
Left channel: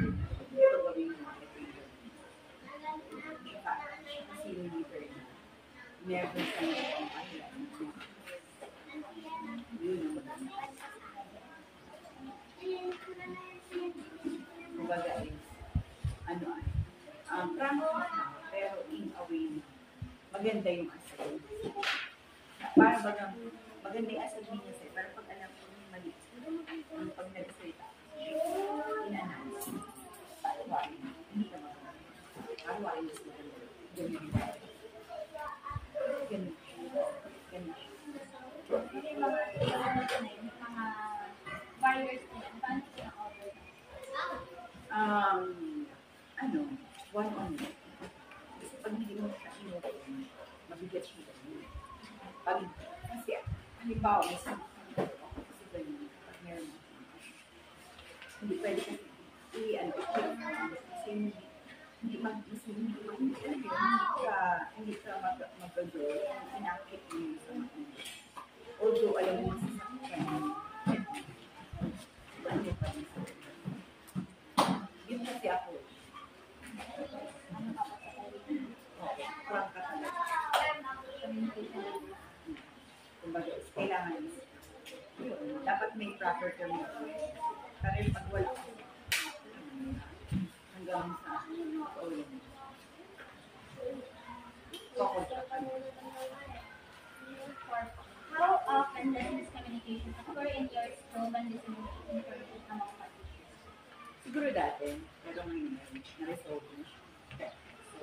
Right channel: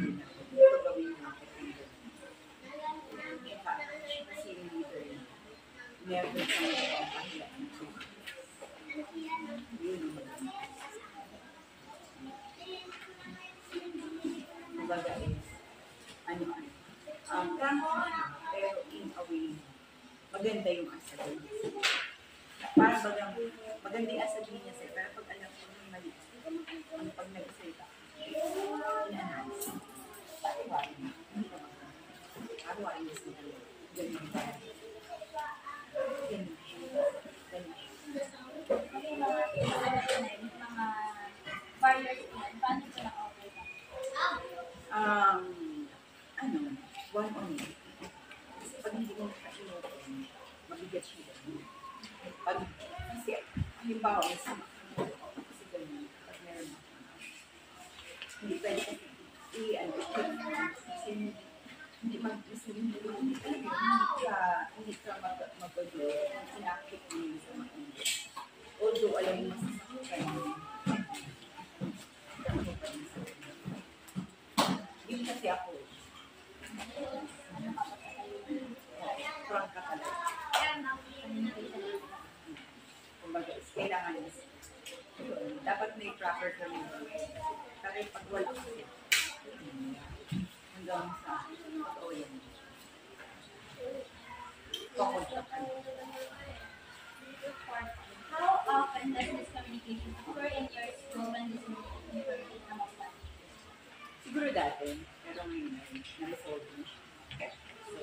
Ito gawin mo. Siya kasi yung leader na. Never siya magpapahila. Yun ang maganda. Kumbaga is, practice siya, pero in a way na maganda yung asal. Para bagang, maganda yung asal niya sa'yo, pero pag alam ko may mali, pag nag-salita, ina-analyze. Pariwarin, hindi ka maganda. Pariwarin mas maganda. Ganun yung bagay. Ganun siya. May mga barriers po yan. Paano po na-overcome? One-on-one. Kasi pag hindi mo ka-inopen, mabigat siya. Kasi, halimbawa, may sama ka na kasi ganyan, kapag meron ako. Hindi pwede kasi, kasi hindi ka mag-grow, inakit mo yung sama ko. Although, alam mo masasakit ka yun. Ano pa rin sa yun kasi ako. Frank ka talaga. Kumbaga, kailangan dapat may proper communication. Pero pag wala kasi, hanggang sa pag-uwi mo. Kukontra ka. How often does miscommunication occur in your school when disseminating information among parents? Siguro dati, pero ngayon na-resolve na siya. So,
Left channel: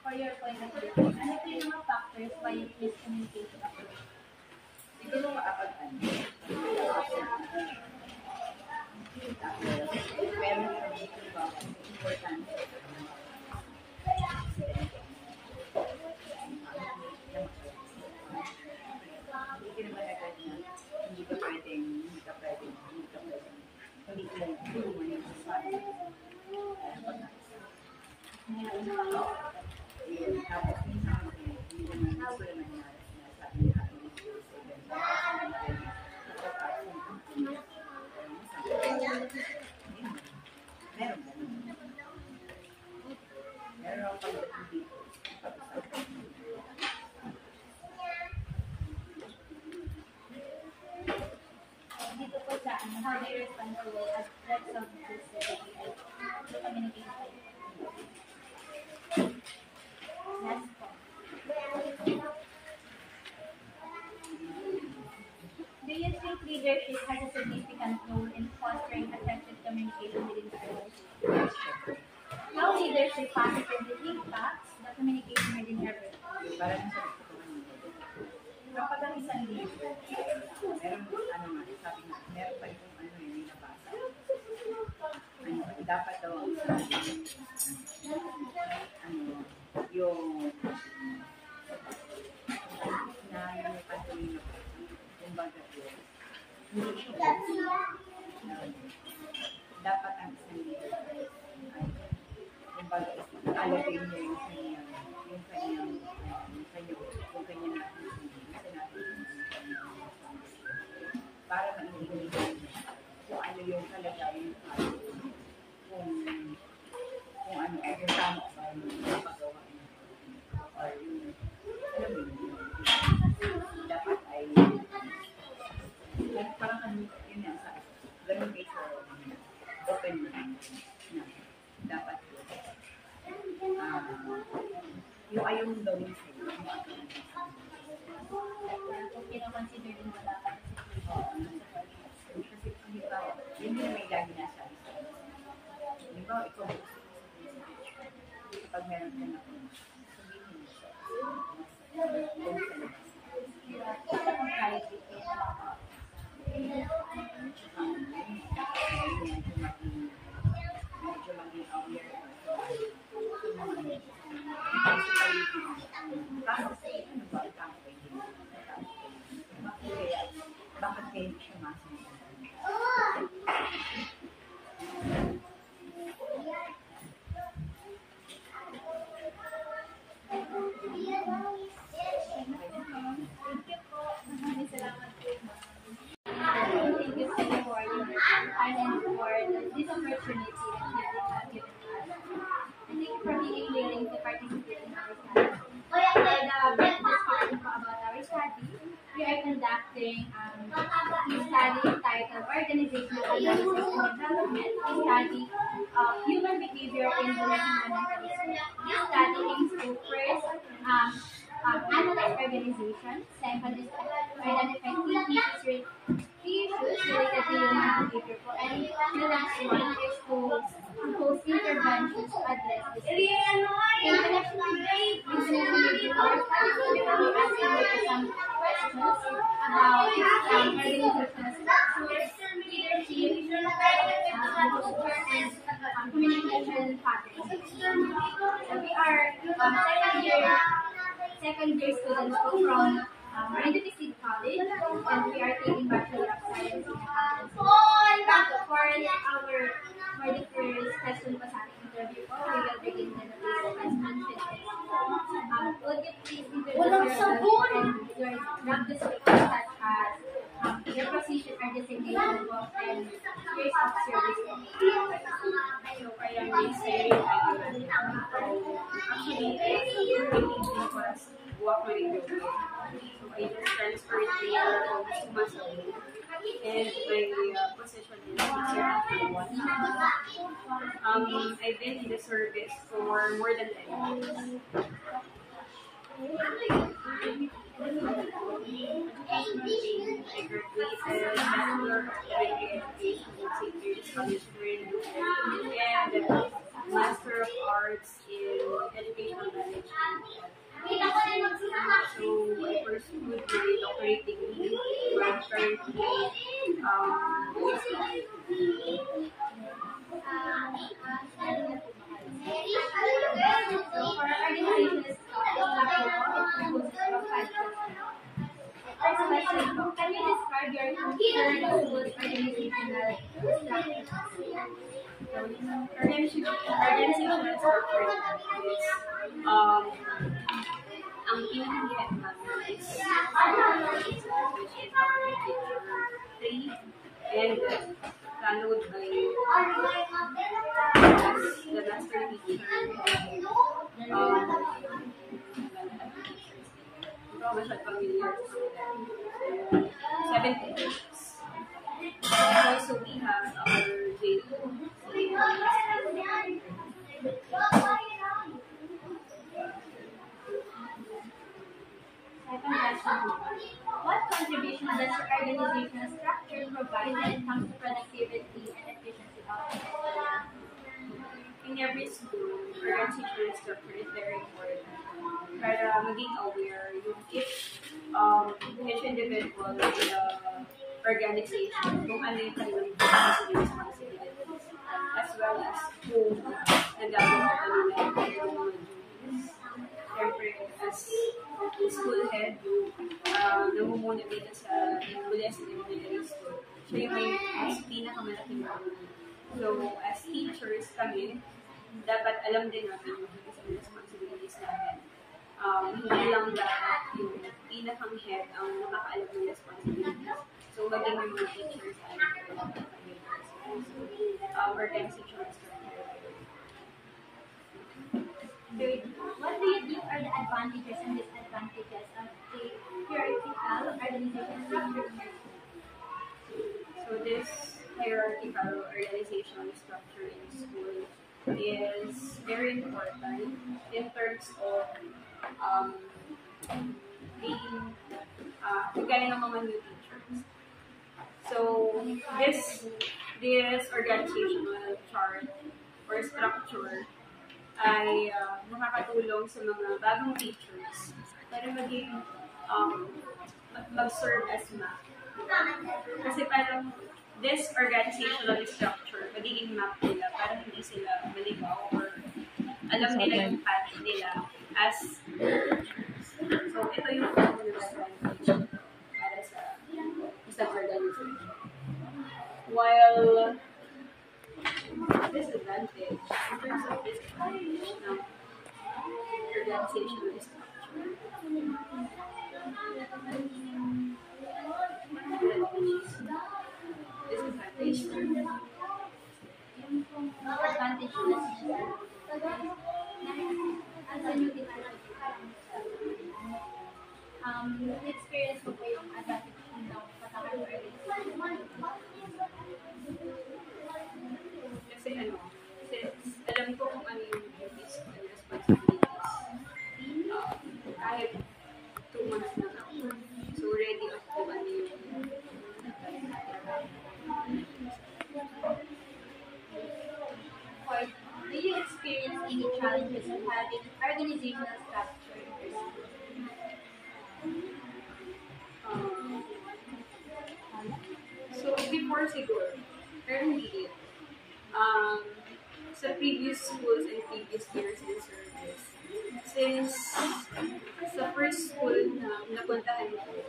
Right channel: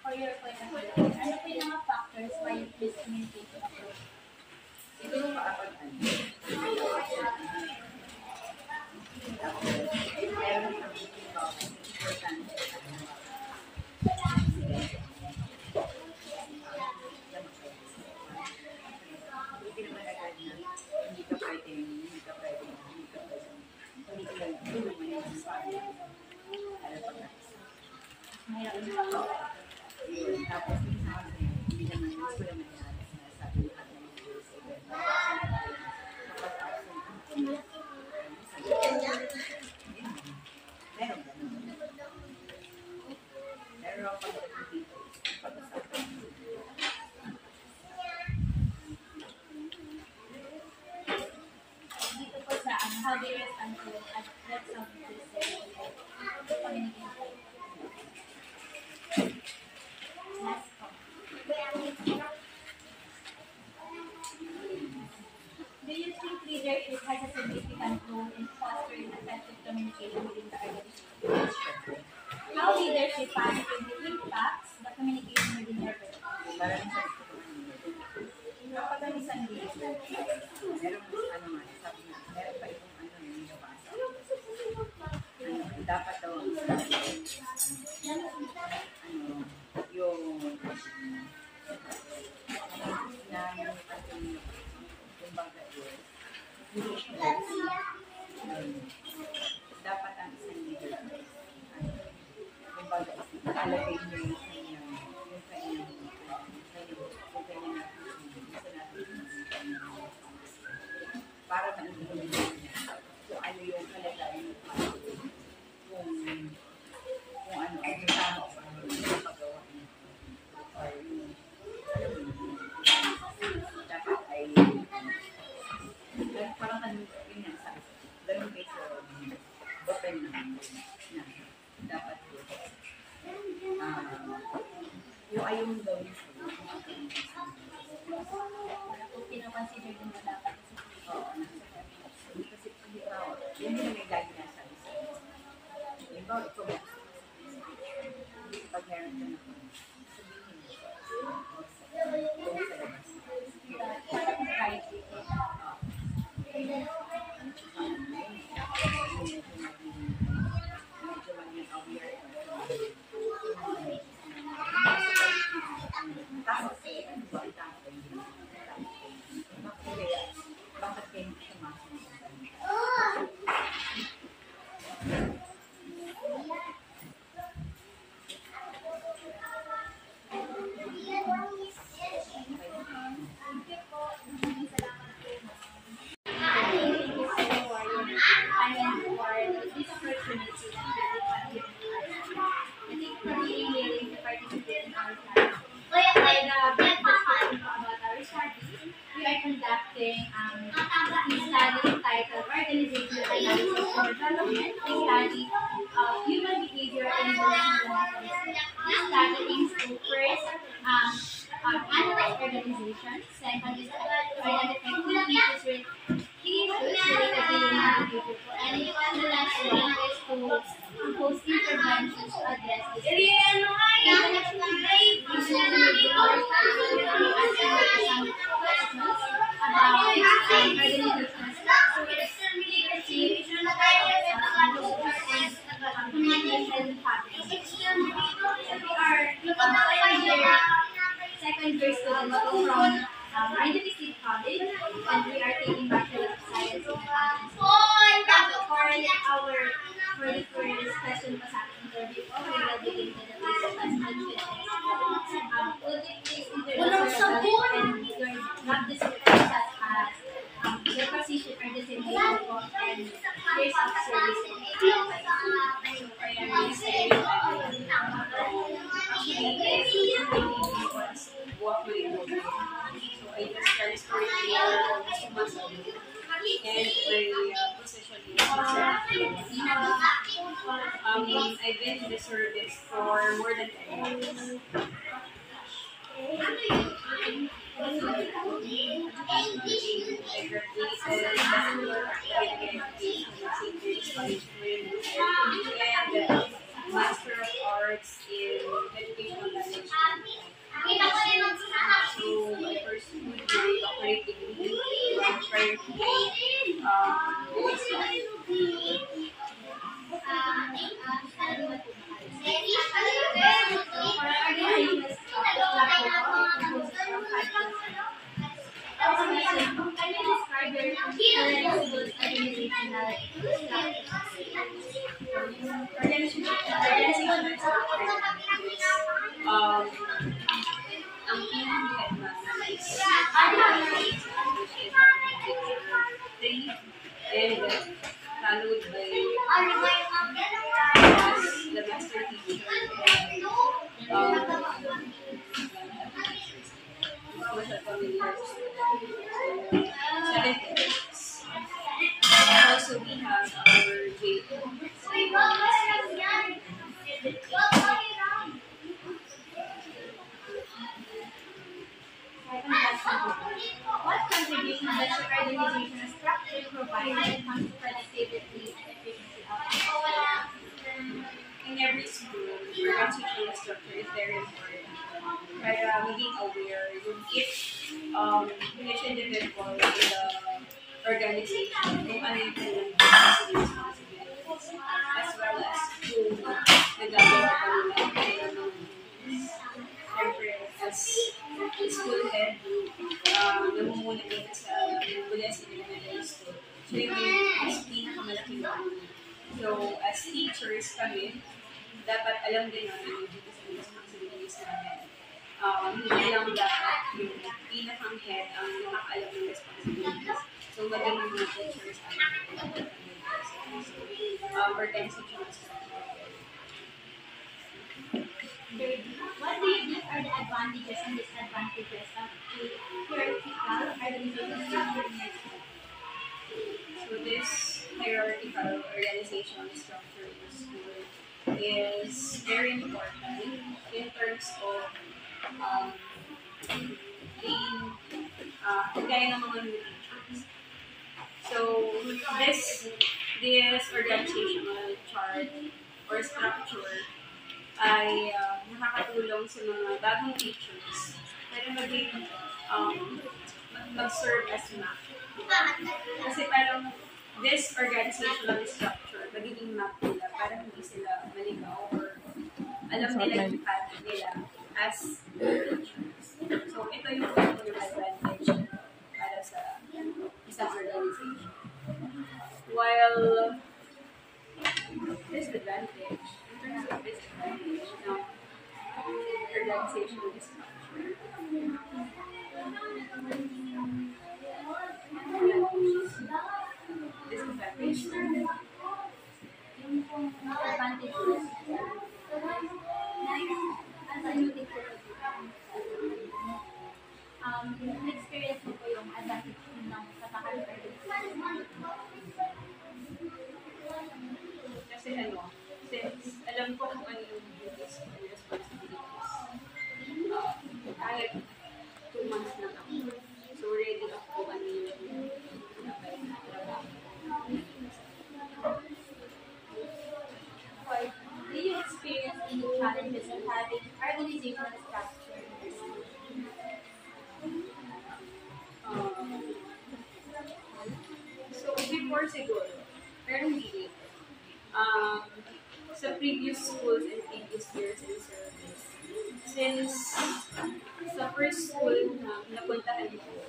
For your point of view, ano po yung mga factors matters via miscommunication approach. Siguro kapag ano, tapos, meron din kami halimbawa kasi importante sa hindi naman agad na hindi ka pwedeng tulungan yung family. Kaya pag nakisa. Yun. Tapos minsan kasi, hindi naman sinasabi lahat ng videos o gano'n. Kapag absent ang minsan, meron gano'n. Meron ako pagdating dito, pag-usapan. Dito po sa how do you respond to threats of this communication? Last po. Do you think leadership has a significant role in fostering effective communication within the organization? How leadership positively impacts the communication within your group? Para rin sa gusto ko kanina. Kapag ang isang leader, meron sabi nga, meron pa itong yung nabasa. Dapat daw ang isang yung sinanipan ko nyo kumbaga yun, hindi siya dapat ang isang leader ay kumbaga alagay niya yung kanyang para maintindihan niya kung ano yung kalagayan ng family, kung ano ay yung tama ba yung napagawa niya or yung alam mo yun dapat ay parang ano yun yan sabi ko ganun kayo sa open na dapat yun yung ayaw mong gawin sa'yo yung agawin Kung pinakonsider din mo dapat kasi halimbawa, hindi na may lagi nasabi sa iyo. Halimbawa, ikaw pag meron ka na po, sabihin mo kung sa labas. para kung private. Medyo maging aware tapos, ano ba? Tama ba yun? Bakit kayo hindi siya masunod? Conducting study titled Organizational Analysis and Development, a study of human behavior in the national. This study aims to first analyze organizations, second is to identify key issues related to human behavior for any, and the last one is to propose interventions to address this. In connection with this, we should be answering some questions about organizational structure, leadership, culture, and communication patterns. And we are second year students from Randy State College, and we are taking Bachelor of Science in Accounting. For the first question po sa ating interview po, we will begin with the first question. Would you please introduce yourself and your job description such as your position or designation po and years of service? So, I am Miss Erin Actually, was work with Indonesia. So, I just transferred here almost 2 months ago. And my position is I've been in the service for more than 10 years. I graduated Bachelor of Education from St. Mary's College and Master of Arts in Educational Management. So doctorate degree, but currently, it's not. So for our organization can you describe your current school's organizational structure? Organizational structure is, ang pinaka-headmaster is which is picture 3, and followed by the master teacher and masyad familiar student. 7 teachers. Also, we have our What contribution does your organizational structure provide when it comes to productivity and efficiency of in every school, organizational structure is very important. Para maging aware yung each individual in the organization kung ano yung kanilang responsibilities, as well as kung nagagawa pa nila yung kanilang mga duties. Siyempre, as school head, namumuna dito sa Bules Elementary School. So yung may pinakamalaking role. So, as teachers kami, dapat alam din natin yung duties and responsibilities namin. Hindi lang dapat yung pinakang head ang nakakaalam ng responsibilities. So, maging yung mga teachers ay dapat kami. So, organizational structure. What do you think are the advantages and disadvantages of a hierarchical organizational structure in your school? So this hierarchical organizational structure in school is very important in terms of being kagaya ng mga new teachers. So this organizational chart or structure ay nakakatulong sa mga bagong teachers para maging mag-serve as map. Kasi parang this organizational structure, magiging map nila para hindi sila maligaw or alam nila yung path nila as teachers. So, ito yung advantage para sa isang organization. While disadvantage, in terms of disadvantage ng organizational structure, disadvantage. Experience ko po yung advantage ng patakaran organization. Kasi since alam ko kung ano yung duties ko and responsibilities, kahit 2 months na ako, so ready ako kung ano yung dapat na trabaho. Or do you experience any challenges in having organizational structure in your school? So before siguro, pero hindi ito. Sa previous schools and previous years in service, since sa first school na napuntahan ko,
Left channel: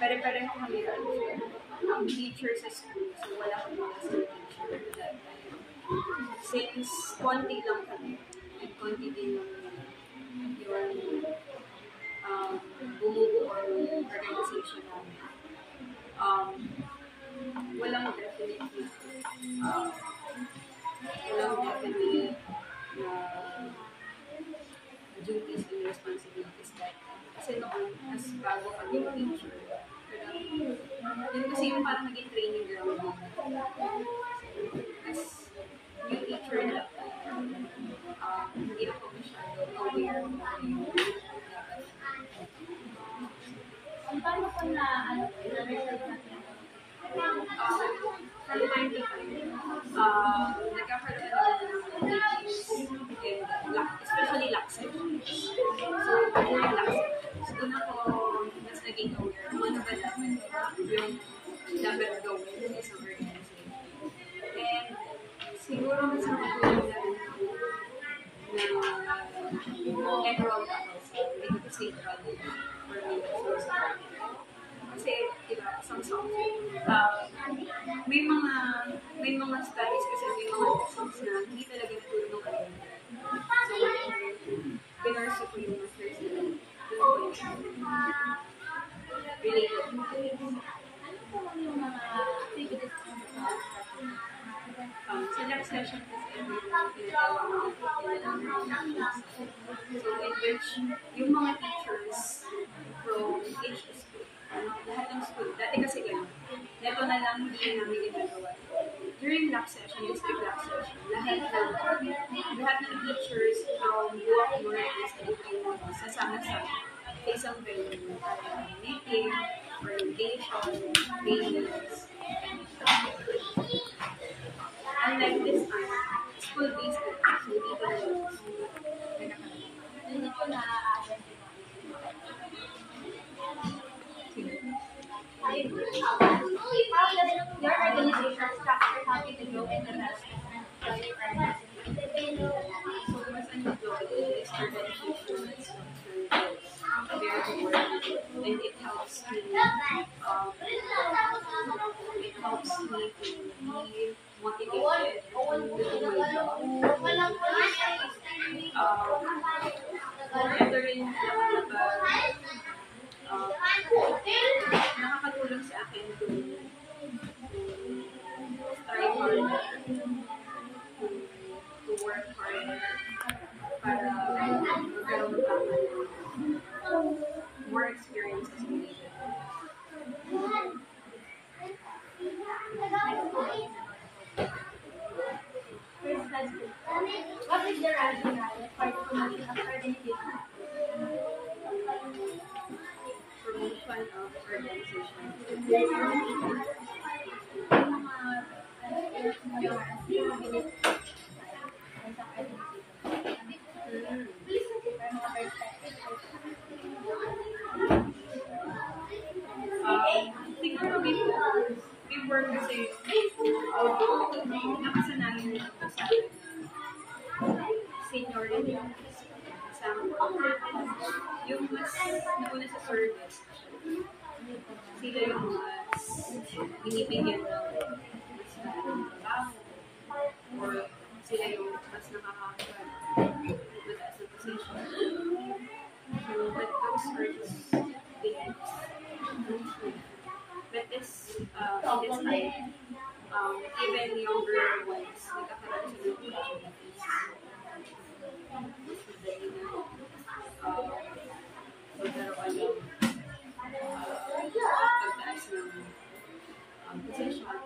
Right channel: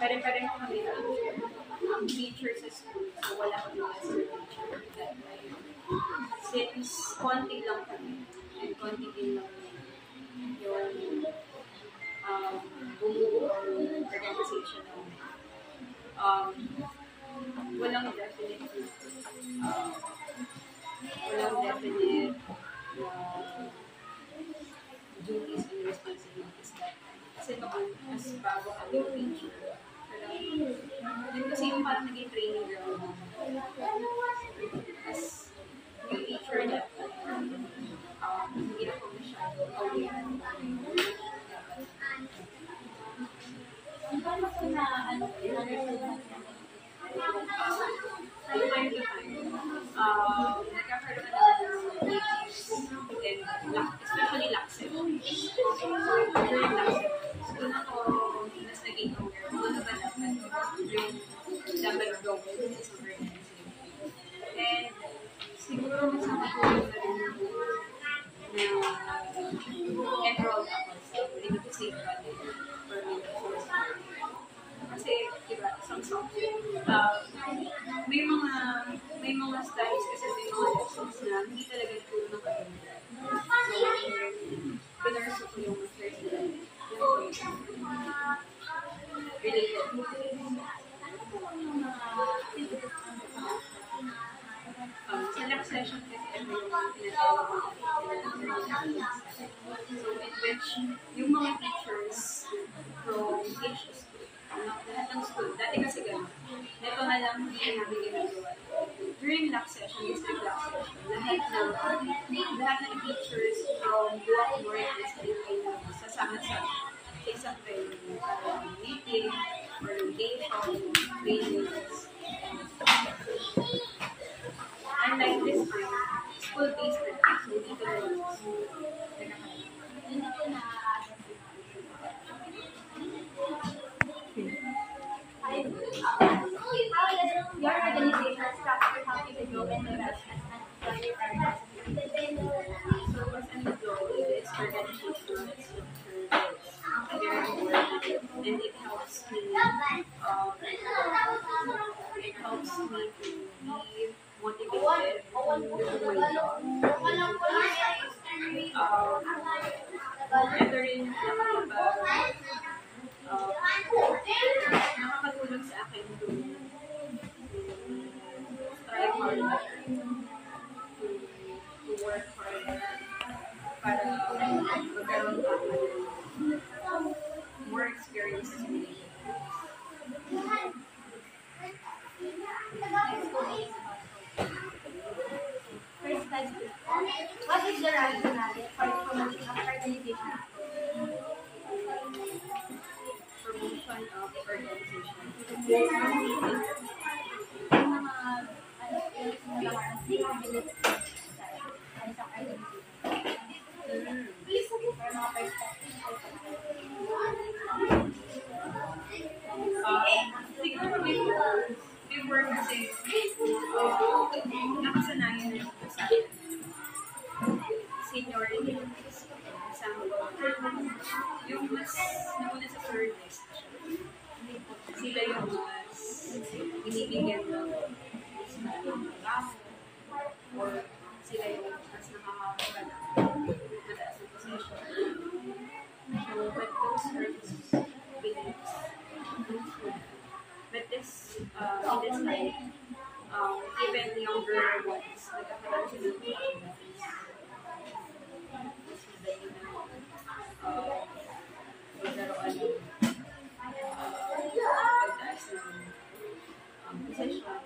pare-pareho kami ang teacher sa school, so wala kami master teacher at that time. Since konti lang kami, and konti din lang yung bumubuo ng organization namin. Walang definite na duties and responsibilities that time. Kasi noon, as bago kami teacher, yun kasi yung parang naging training ground as new teacher that time. Hindi ako masyado aware kung ano yung dapat. Paano po na na-resolve natin? From time to time, nagkakaroon naman ng meetings and especially lock sessions. So, during lock sessions, doon ako mas naging aware kung ano safeguarding or mental source. Kasi, diba, isang subject, may mga studies kasi may mga lessons na hindi talaga natulong ng undergrad. So, pinurso ko yung master's nila. Doon ko yung related to this. Yung mga activities Sa lab session kasi ito yung tinatawag na learning actions. So, in which yung mga teachers from each school, lahat ng school, dati kasi gano'n, neto na lang hindi namin ginagawa. During lab session, district lab session, lahat ng teachers from Buwak North District ay sasama sa isang venue para meeting, orientation, trainings. Unlike this time, school-based na lang. So, dito na lang. hindi ko na-address How does your organization structure help you to grow and develop as an employee or as So, as an employee, this organizational structure is very important and it helps me to be motivated to do my job. Ito rin nakakatulong sa akin to strive harder, to work harder para magkaroon pa ako ng more experiences in leadership. First question. What is the rationale for the promotion of organization? Promotion of organization. Siguro before kasi nakasanayan na ito sa akin seniority. Example, yung mas nauna sa service, sila yung mas binibigyan ng mas trabaho or sila yung mas nakakakuha ng mataas na position. So, but those are just beliefs. But this, in this time, even younger ones, nagkakaroon sila ng opportunities. Mas madali na magkaroon ng pagtaas ng position.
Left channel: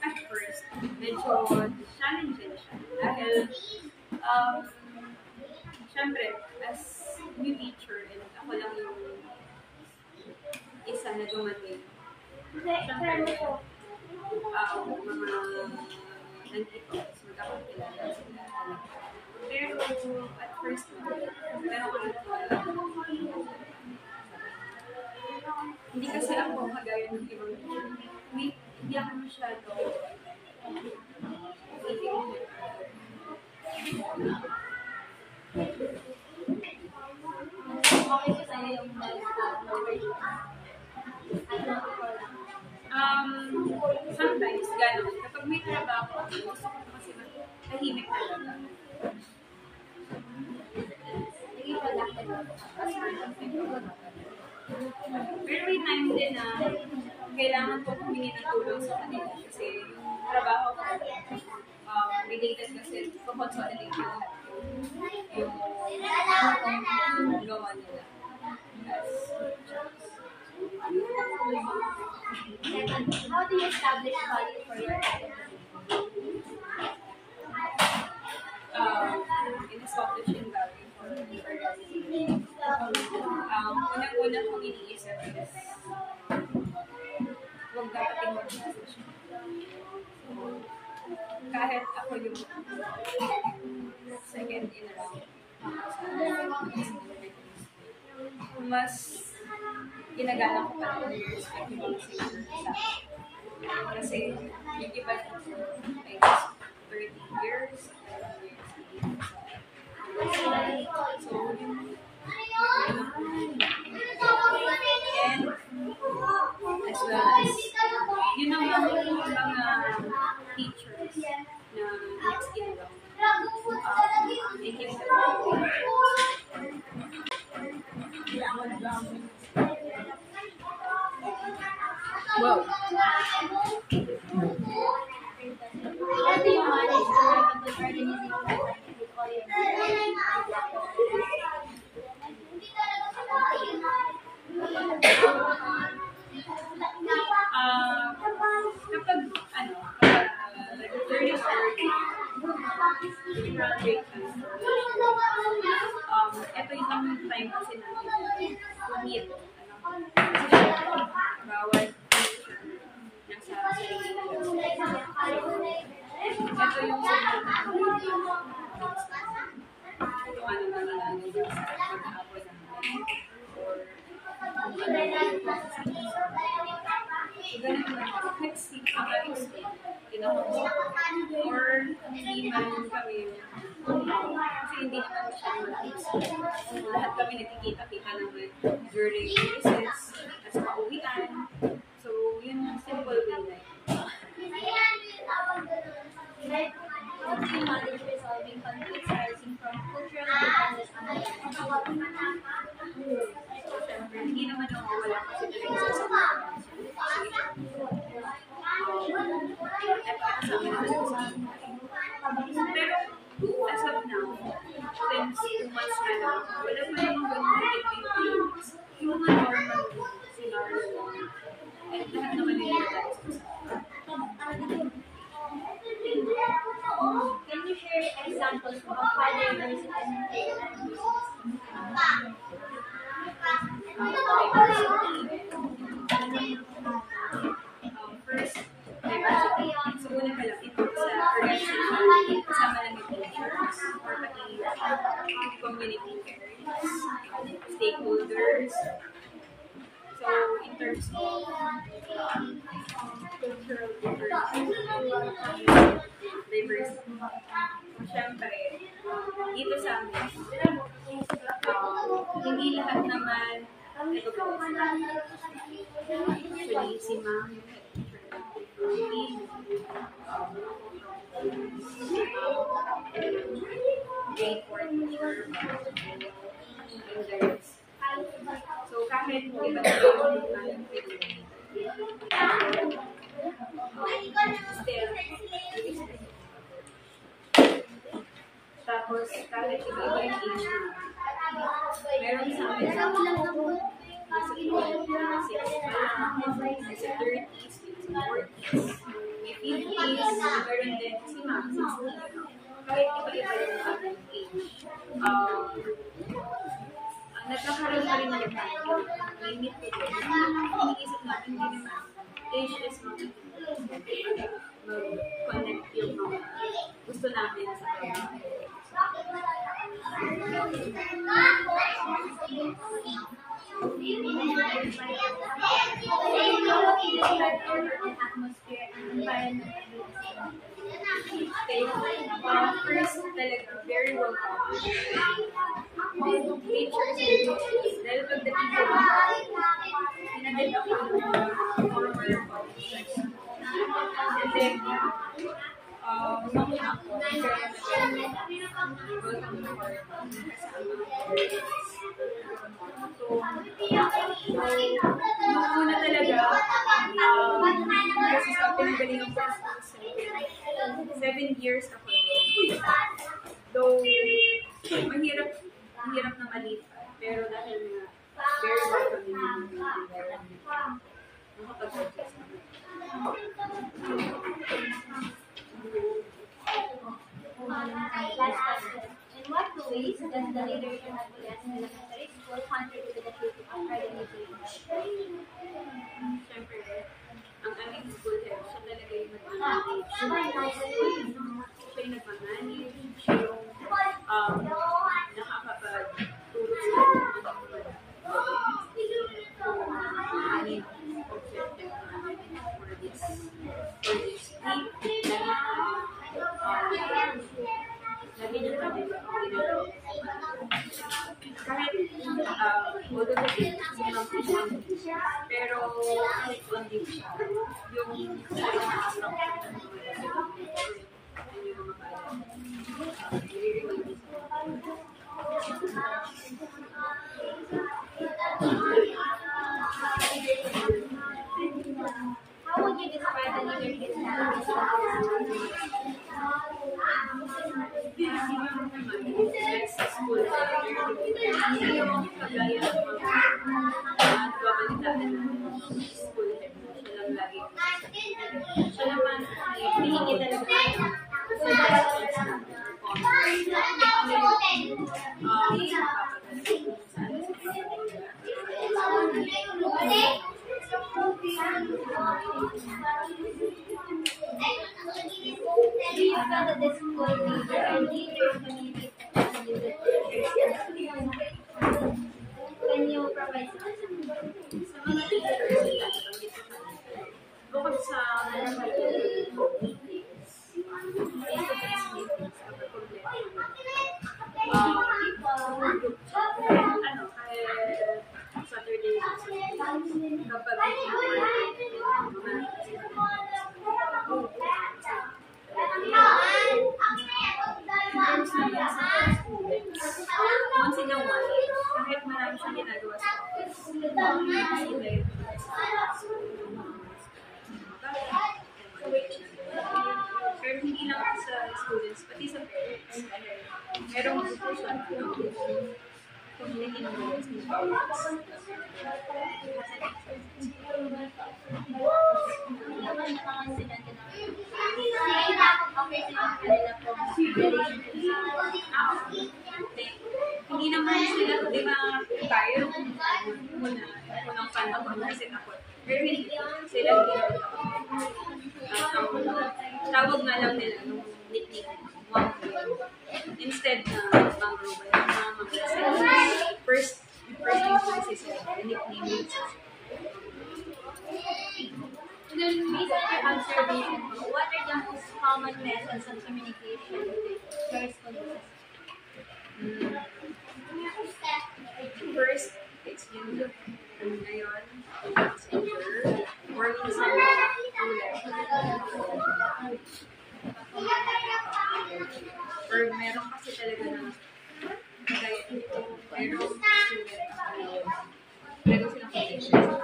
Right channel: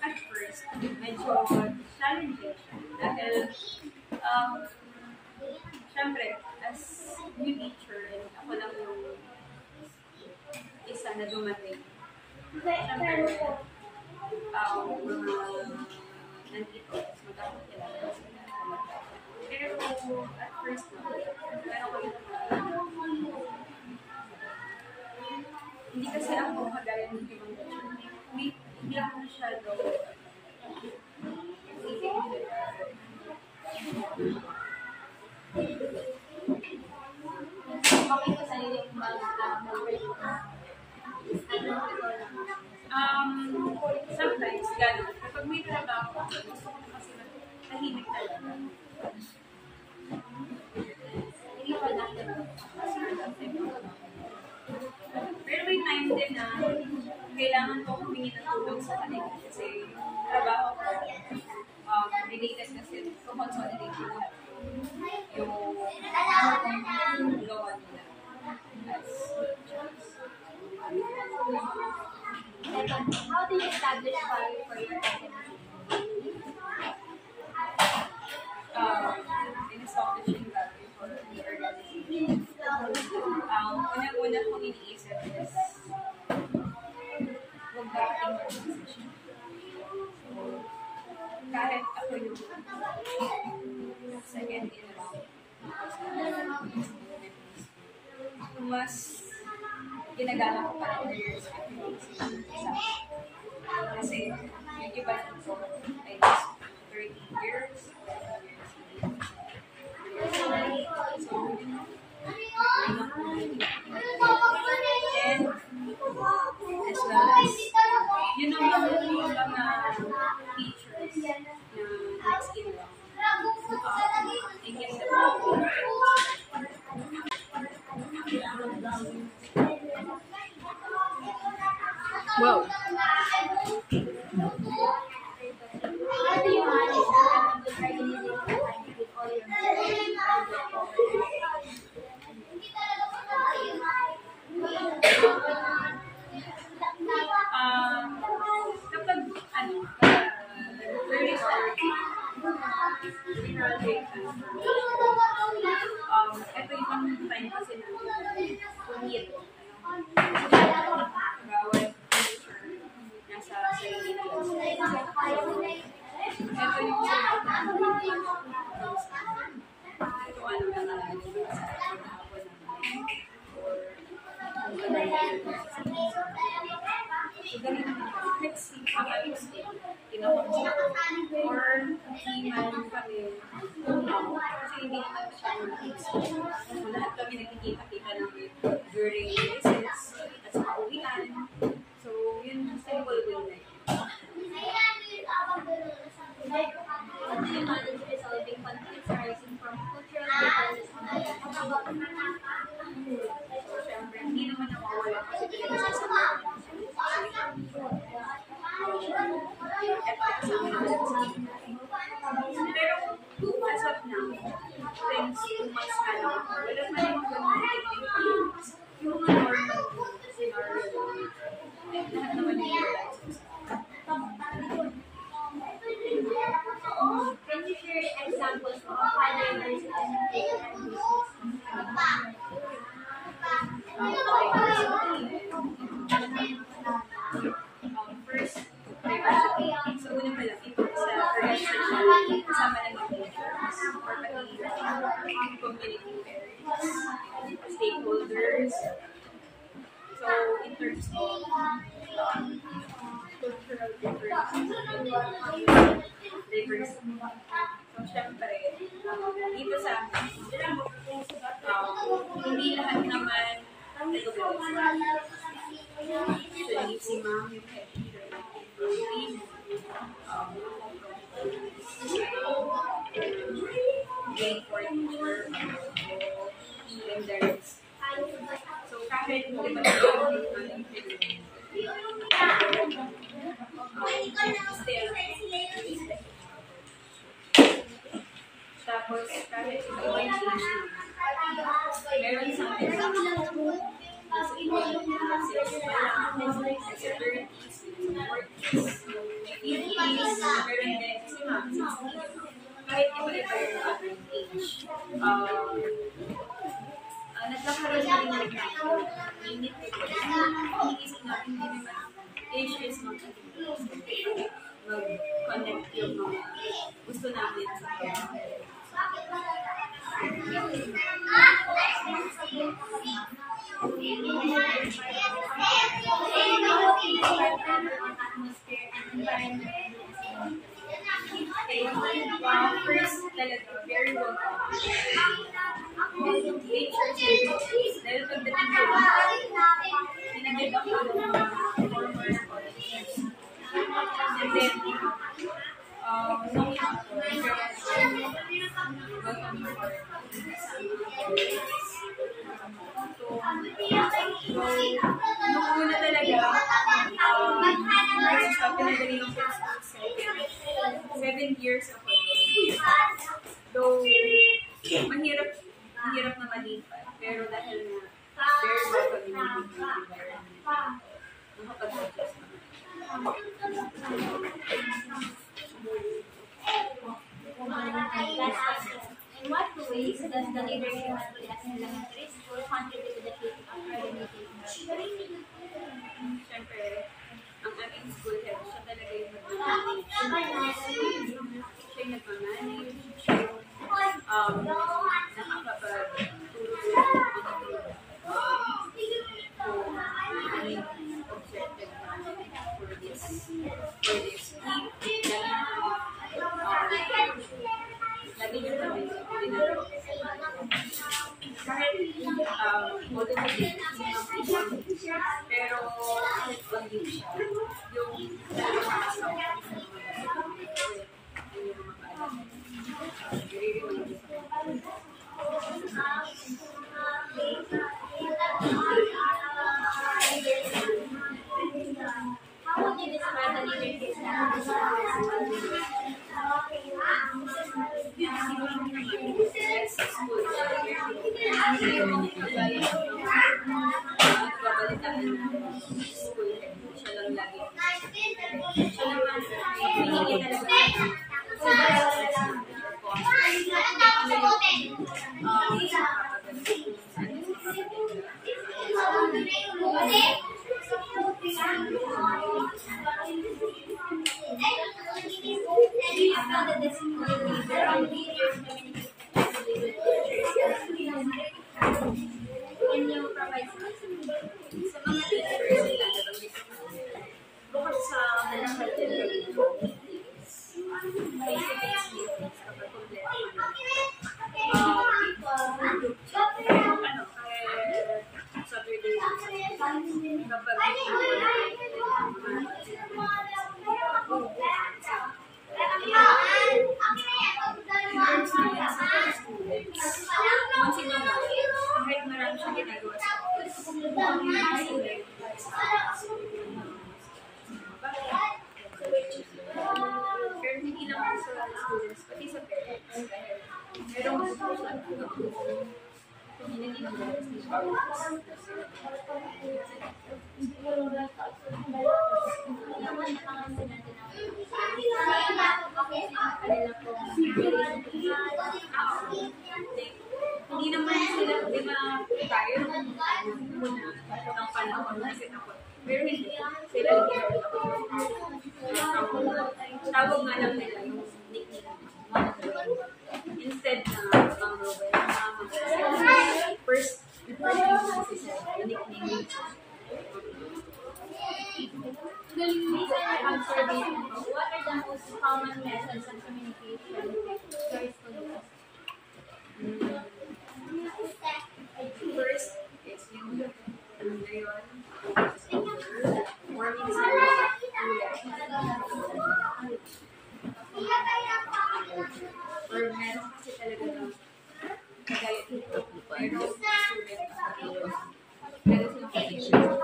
At first, medyo challenging siya. Dahil, syempre, as new teacher, and ako lang yung isa na dumating. Syempre, mga nandito, magkakakilala sila talaga. Pero, at first, pero ako hindi kasi ako kagaya ng ibang teacher. Hindi ako masyado Okay ko sa'yo yung sometimes, gano'n. Kapag may trabaho, gusto ko kasi tahimik talaga. hindi productive. Mas productive ako. Pero may time din na kailangan ko humingi ng tulong sa kanila kasi yung trabaho ko related kasi consolidate yung lahat yung gawa nila as Second, how do you establish value for your organization? In-establishing value for the organization. Unang-una kong iniisip is huwag dapating organization. So, kahit ako yung second in round, mas ginagalang ko pa ng years yung sa kasi yung iba dito ay 30 years, 20 years. So, yun and as well as yun naman yung mga teachers na next in lang. I keep them Wow. How do you manage to have a good organization with all your kapag early or during our break time, ito yung time kasi natin to meet, bawat teacher nasa sarili nila. Ito yung kung ano nangyayari sa pag-aapon namin or kung ano nangyayari. So, ganun naman. Next week, ang aming stay, kinakamusta ko. Or, hindi man kami, kasi hindi naman masyadong malakas. So, lahat kami nagkikita-kita naman during recess at sa pauwian. So, yun, simple way na yun. How do you manage resolving conflicts arising from cultural differences and So, syempre, hindi naman nawawala kasi talaga sa isang kasama naman sa pero as of now, since 2 months na lang ako, wala pa namang ganun things. Yung mga normal scenario lang. At lahat naman nilirealize ko sa Can you share examples of how diversity and inclusion first, diversity. So, una pa lang, ito sa organization, kasama lang yung teachers, or pati community parents, stakeholders. So, in terms of cultural diversity. So, syempre, dito sa amin, hindi lahat naman actually, si ma'am yung head teacher natin from grade 4 teacher, and there's so kahit iba yung aming still respect. Tapos kahit iba-iba yung age na meron sa amin nasa 26 pa lang, nasa 30s, nasa 40s, may 50s, meron din si ma'am, 60. Kahit iba-iba yung average age. Nagkakaroon na rin ng limit to this. Iniisip natin din naman, age is not a mag-connect yung mga gusto namin sa trabaho. atmosphere and environment. Okay. First, talaga, very welcome. Teachers and teachers. Dahil pagdating ko, pinagad ako ng mga former colleagues. And then, nung ako, welcome to our kasama. Nung una talaga, kasi sa pinagalingan ko sa 7 years ako. Though, mahirap na malipat. Pero dahil na very welcoming yung environment, nakapag-adjust naman. Last question. In what ways does the leadership at Ulias Elementary School contribute to the shaping of organization? Siyempre, ang aming school head, siya talaga yung nagmamanage. Siya yung nagmamanage. Siya yung nakakapagtulong sa mga dapat. kahit on leave siya, yung talagang makasama ko yung mga paalam. I-remind niya sa How would you describe the leadership style of sa school. Hindi yung kagaya ng mga nagbabalitaan natin ng school head. Siya lang lagi. Siya naman, hihingi talaga sa directions natin or comments. Ano yung papagaling kung saan mas mapapagaling. Do you feel that the school leader or leaders communicate effectively with teachers? Can you provide some examples? Sa mga teachers, yung nabanggit ko kanina, bukod sa malakad yung meetings, face-to-face meetings, kapag kompleto group chat, kahit Saturday, kapag first naman sa students, once in a while, kahit marami siyang ginagawa sa office, pero hindi lang sa students, pati sa parents. Merong magpupusan ng community ng parents ni parents. Hindi naman sila, di ba, tayo unang panahon kasi takot. Pero hindi, sila hindi takot. Tawag nga lang nila nung nickname Ma'am Rowell. Instead na Ma'am Rowell, Ma'am Rowell. First name kasi sila, nickname yun. Based on your observation, what are the most common methods of communication with your school? First, it's yung ngayon, or minsan, or meron kasi talaga na kagaya dito, merong student ako na meron silang connection sa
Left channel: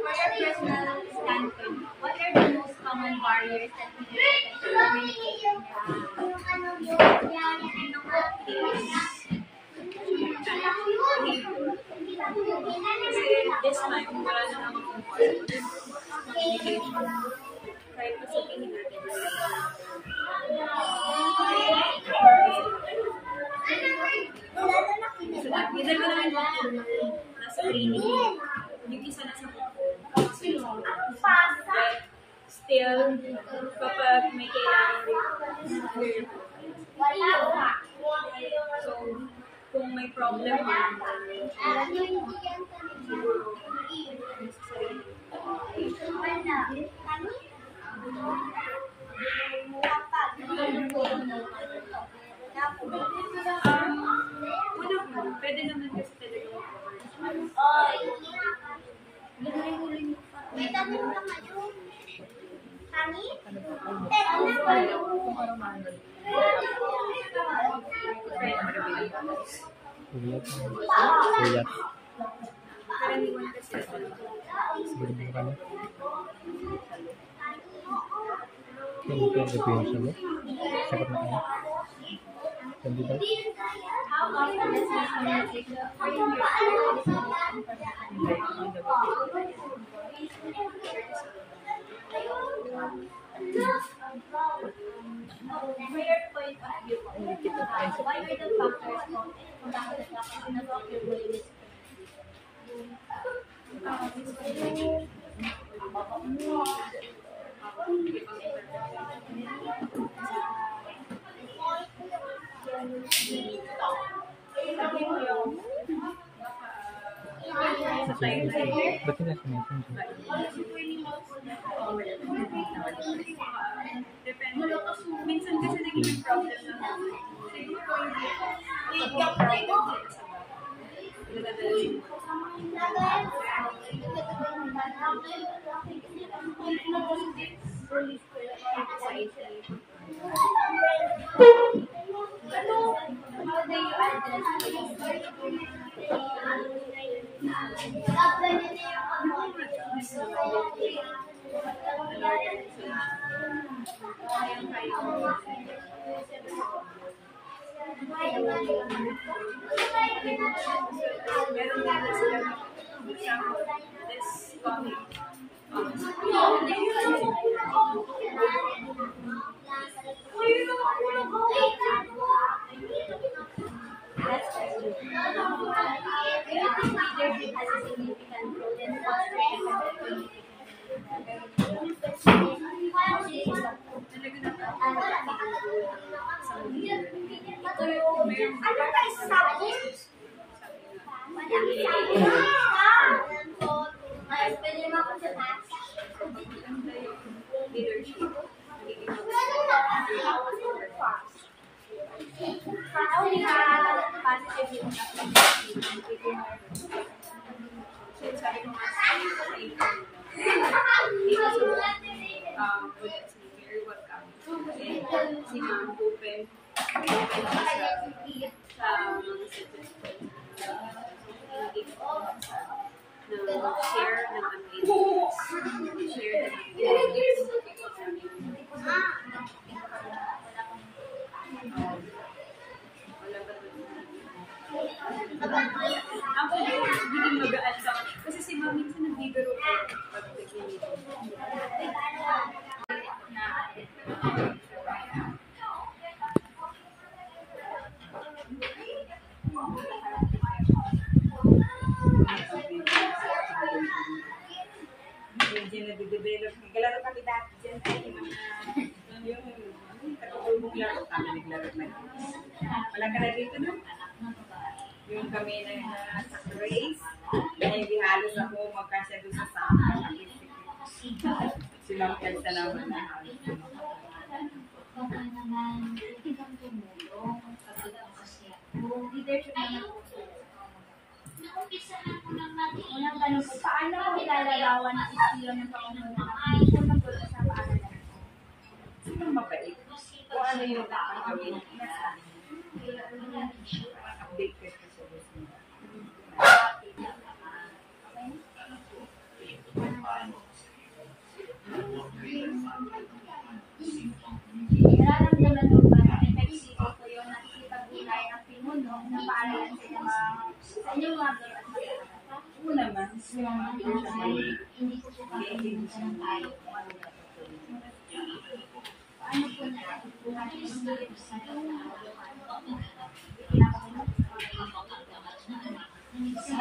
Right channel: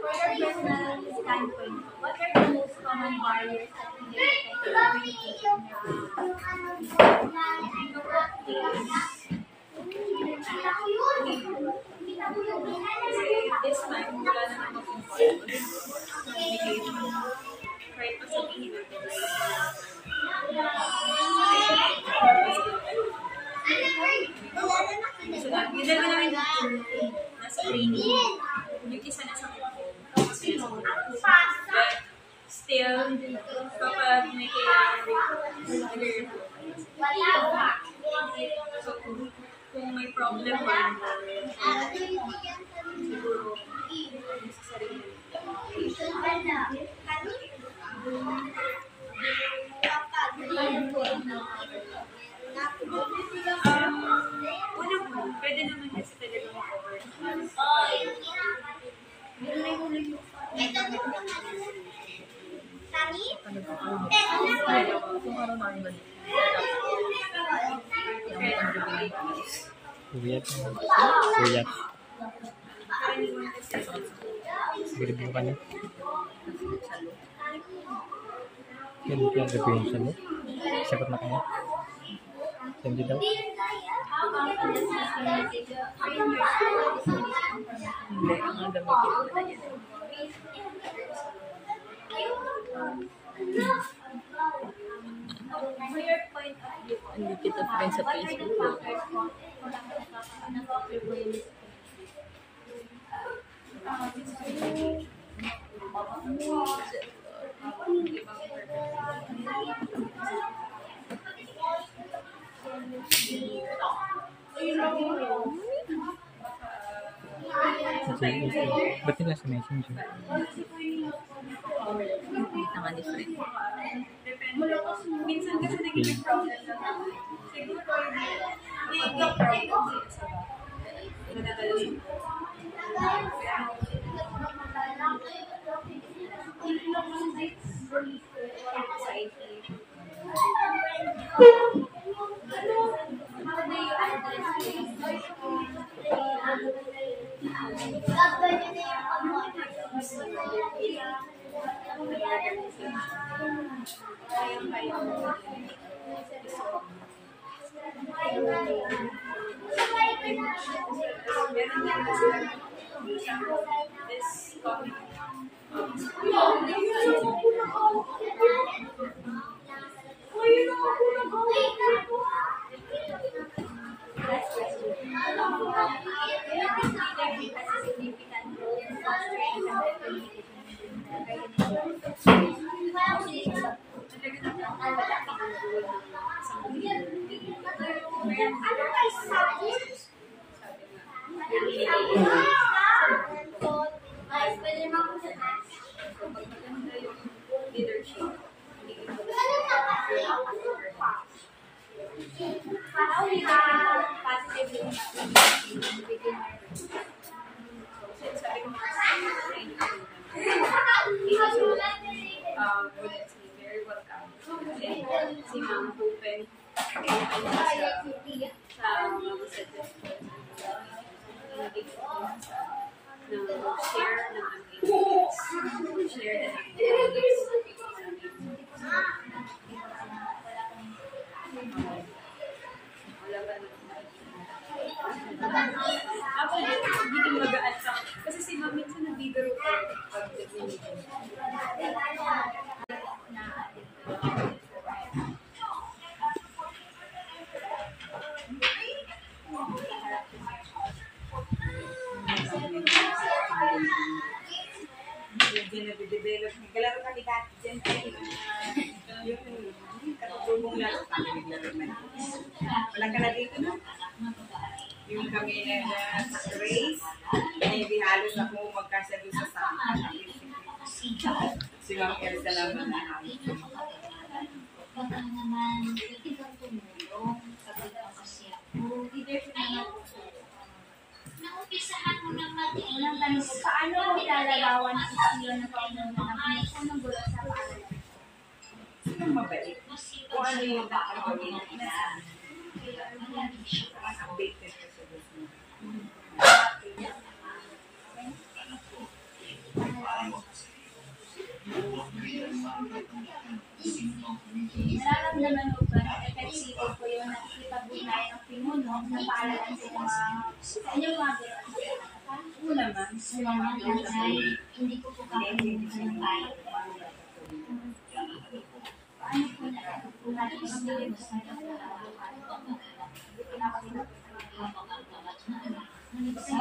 For your personal standpoint, what are the most common barriers that hinder communication in the workplace. Kasi this time, wala na namang important communication. Kahit pa sabihin natin so, yung dalawa namin nasa training. Yung isa nasa but still, kapag may kailangan nag-report. So, kung may problem man, siguro, sa sarili. Una pwede naman kasi talaga mag-over. Uyat. Uyat. Karaniwan kasi Sige, bukan niya. Yan, yung revision mo. Sagot na kaya. Hindi daw. How often does this communication bring your school hindi ang dapat. For your point of view, Hindi kita friends sa what are the Facebook. factors kung bakit nag-offer mo yung Sa time na Ba't nila sa messenger? naman different. Depende. Minsan kasi naging problem lang naman. Siguro yung kapag may problem sila sa bahay, nadadala sa anxiety. How do you address Kayang-kaya mo. Meron din na sila, for example, this coming Last question. Do you think leadership has a significant role in fostering effective communication? talaga na malaki ang role ng isang leader. Mayroon sabi nga, so pag maganda yung leadership, hindi How we can positively impact communication within our group? sabi ko nga sa training ko dito sa Bullet ni very welcome. And si Ma'am open siya sa mga suggestions. Mag-share ng ideas, mag-share ng ideas. Wala pa naman. Actually, hindi magaan sa kasi si Ma'am minsan nagbibiro ko pag nag-meeting. Diyan na-develop. Naglalaro kami dati dyan tayo. Yung katutulong laro kami naglaro man. Wala ka na dito no? Yung kami na sa race, hindi halos ako magkasya doon sa saka. Si Ma'am Elsa naman na halos. Baka naman, pwede kang tumulong kapag ang kasi ako. Leadership naman. Naumpisahan mo lang natin. Unang tanong po, paano mo ilalarawan ang estilo ng Panginoon ng gulo sa paaralan? Sinong mabait? Kung ano yung dapat gawin, inasabi. Updated ko sa gusto. Nararamdaman mo ba na epektibo po yung nakikipag-ugnayan ng pinuno na paaralan sa inyong mga gulo at mag-aaral? Oo naman. Salamat Nanay. Hindi ko po kakalimutan ang payo. Paano po natutuhan ang magiging sa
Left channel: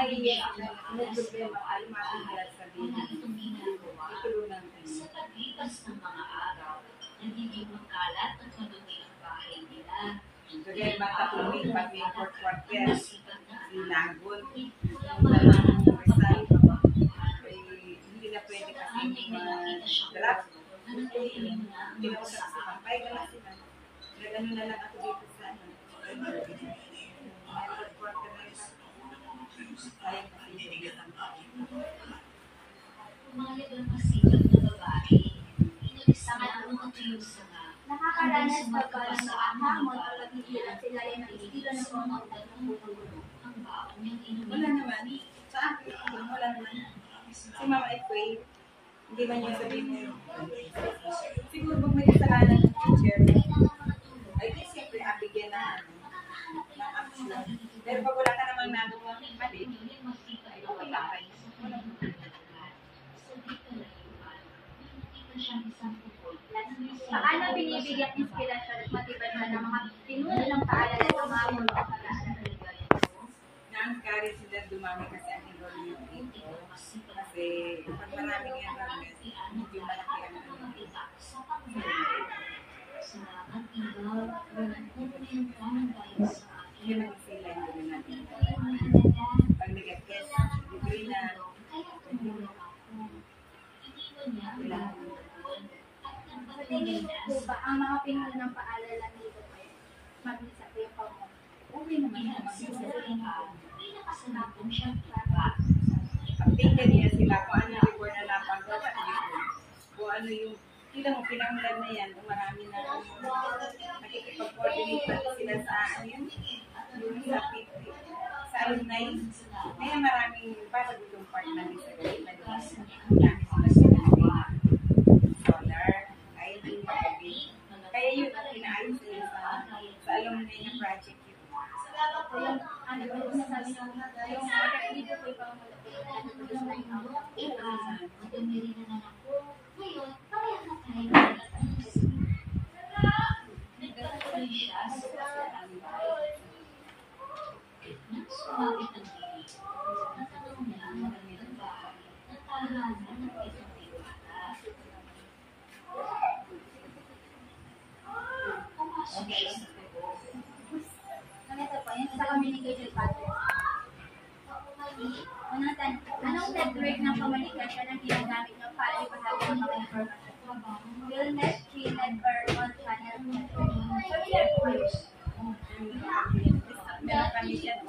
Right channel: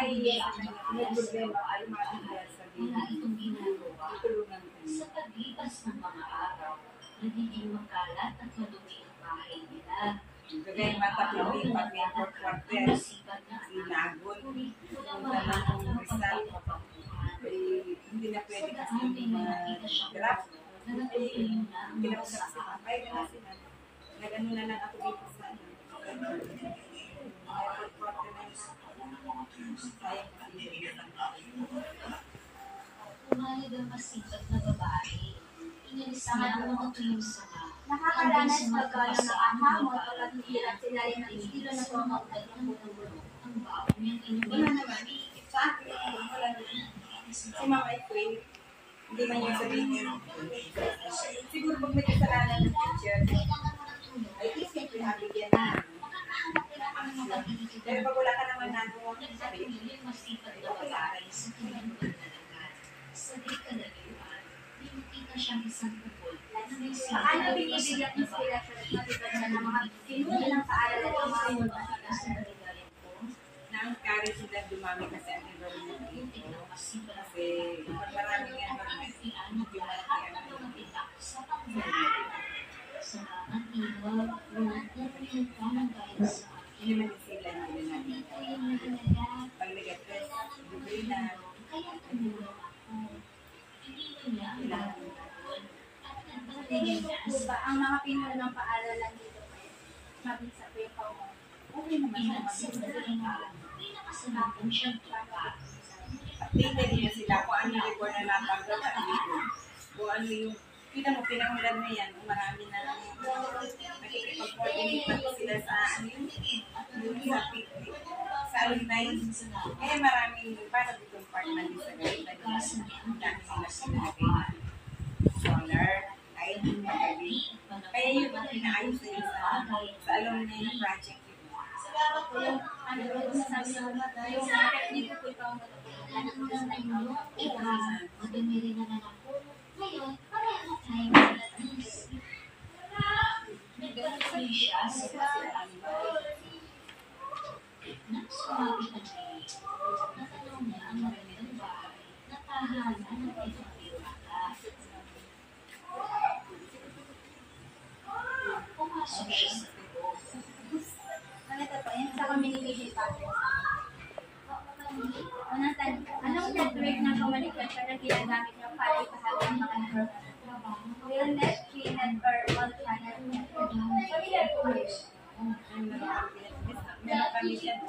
May problema ay matigas sa din. Tulungan tayo. Sa paglipas ng mga araw, nagiging makalat at madumi ang bahay nila. Kagaya matapilin pag may fourth quarter, Masipag na inagon, ulit yung ang dalawang mga result, hindi na pwede kasi mag-draft. Hindi na ko sa kampay, gano'n sila. Nag-ano na lang ako dito sa ano. May fourth quarter na yun. Kaya kasi yung isang taon. Pumayag ang masipag na babae. Inalis niya ang mga tuyong sanga. nakakaranas ba ka ng mga hamon o paghihirap sila rin ng estilo ng pamamagitan ng gulo? Ang baon niyang inumin. Wala naman. Sa akin, wala naman. Si Mama Edway, hindi man yung sabihin niya. Siguro pag may kasalanan ng teacher, ay di siyempre abigyan na action. Pero pag wala ka namang nagawa, mali. Masipag na babae sa kanyang pagdalagan. Sa di kalayuan, nakikita siyang isang kupol. Paano binibigyang inspirasyon at motivasyon ng mga pinuno ng paaralan ng mga multo? Na-encourage sila dumami kasi ang enrollment dito. Kasi pag maraming enrollment, medyo malaki ang enrollment. Salamat, Iba. Nagtatanong ka ng dahil sa akin. Hindi man sila hindi na natin. Ito yung mahalaga. Pag nag-test, degree na, Kaya tumulong ako. Iniwan niya ang lahat ng taon at tingin ko po ba, ang mga pinuno ng paaralan dito po, mabisa po yung pamumuno? Okay naman Kaya naman. siyempre may nakasalubong siyang iba. Updated niya sila kung ano yung report na napagawa dito. Kung ano yung, kita mo, pinangulan na yan, kung marami na nakikipag-coordinate pati sila sa ano yun, yung sa alumni. Kaya maraming, para ditong part na din sa gawin na dami sila sinalagay na scholar, kahit yung magabi. Kaya yun, pinaayos na yun sa alumni na project yun. Po yung, ano po, yung nasabi niyo, yung technique po yung pamumuno po, ano po sa line out. Madumi rin naman ako. Ngayon, pareho na tayo magtatanong. Nagkatuloy siya sa bahay. Nang sumapit ang gate, natanong niya ang magandang bahay na tahanan ng isang diwata. Pumasok siya sa loob. Ano ito po, yung sa communication pattern. Unang tanong, anong network ng komunikasyon ang ginagamit niyo para ipahagi ang mga information? Willnet, Keynet, or all-channel network? Familiar po kayo? Meron kami dyan,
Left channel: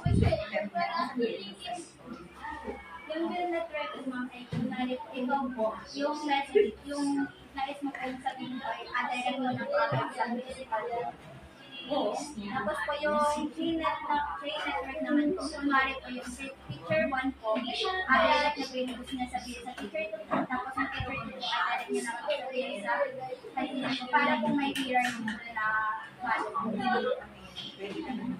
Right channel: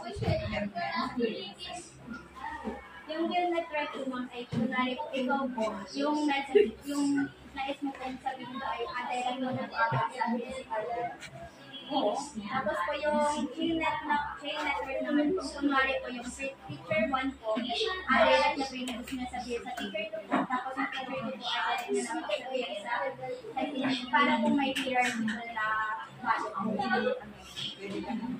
Yung will network is ma'am ay kunwari po, ikaw po, yung message, yung nais mo po sabihin ko ay direct mo ng contact sa physical. Tapos po yung chain network naman po, kunwari po yung picture 1 po, direct na po yung gusto niya sabihin sa picture 2 po, tapos yung picture 2 po direct niya naman po sabihin sa kanya para po may clear na follow. pwede ka naman.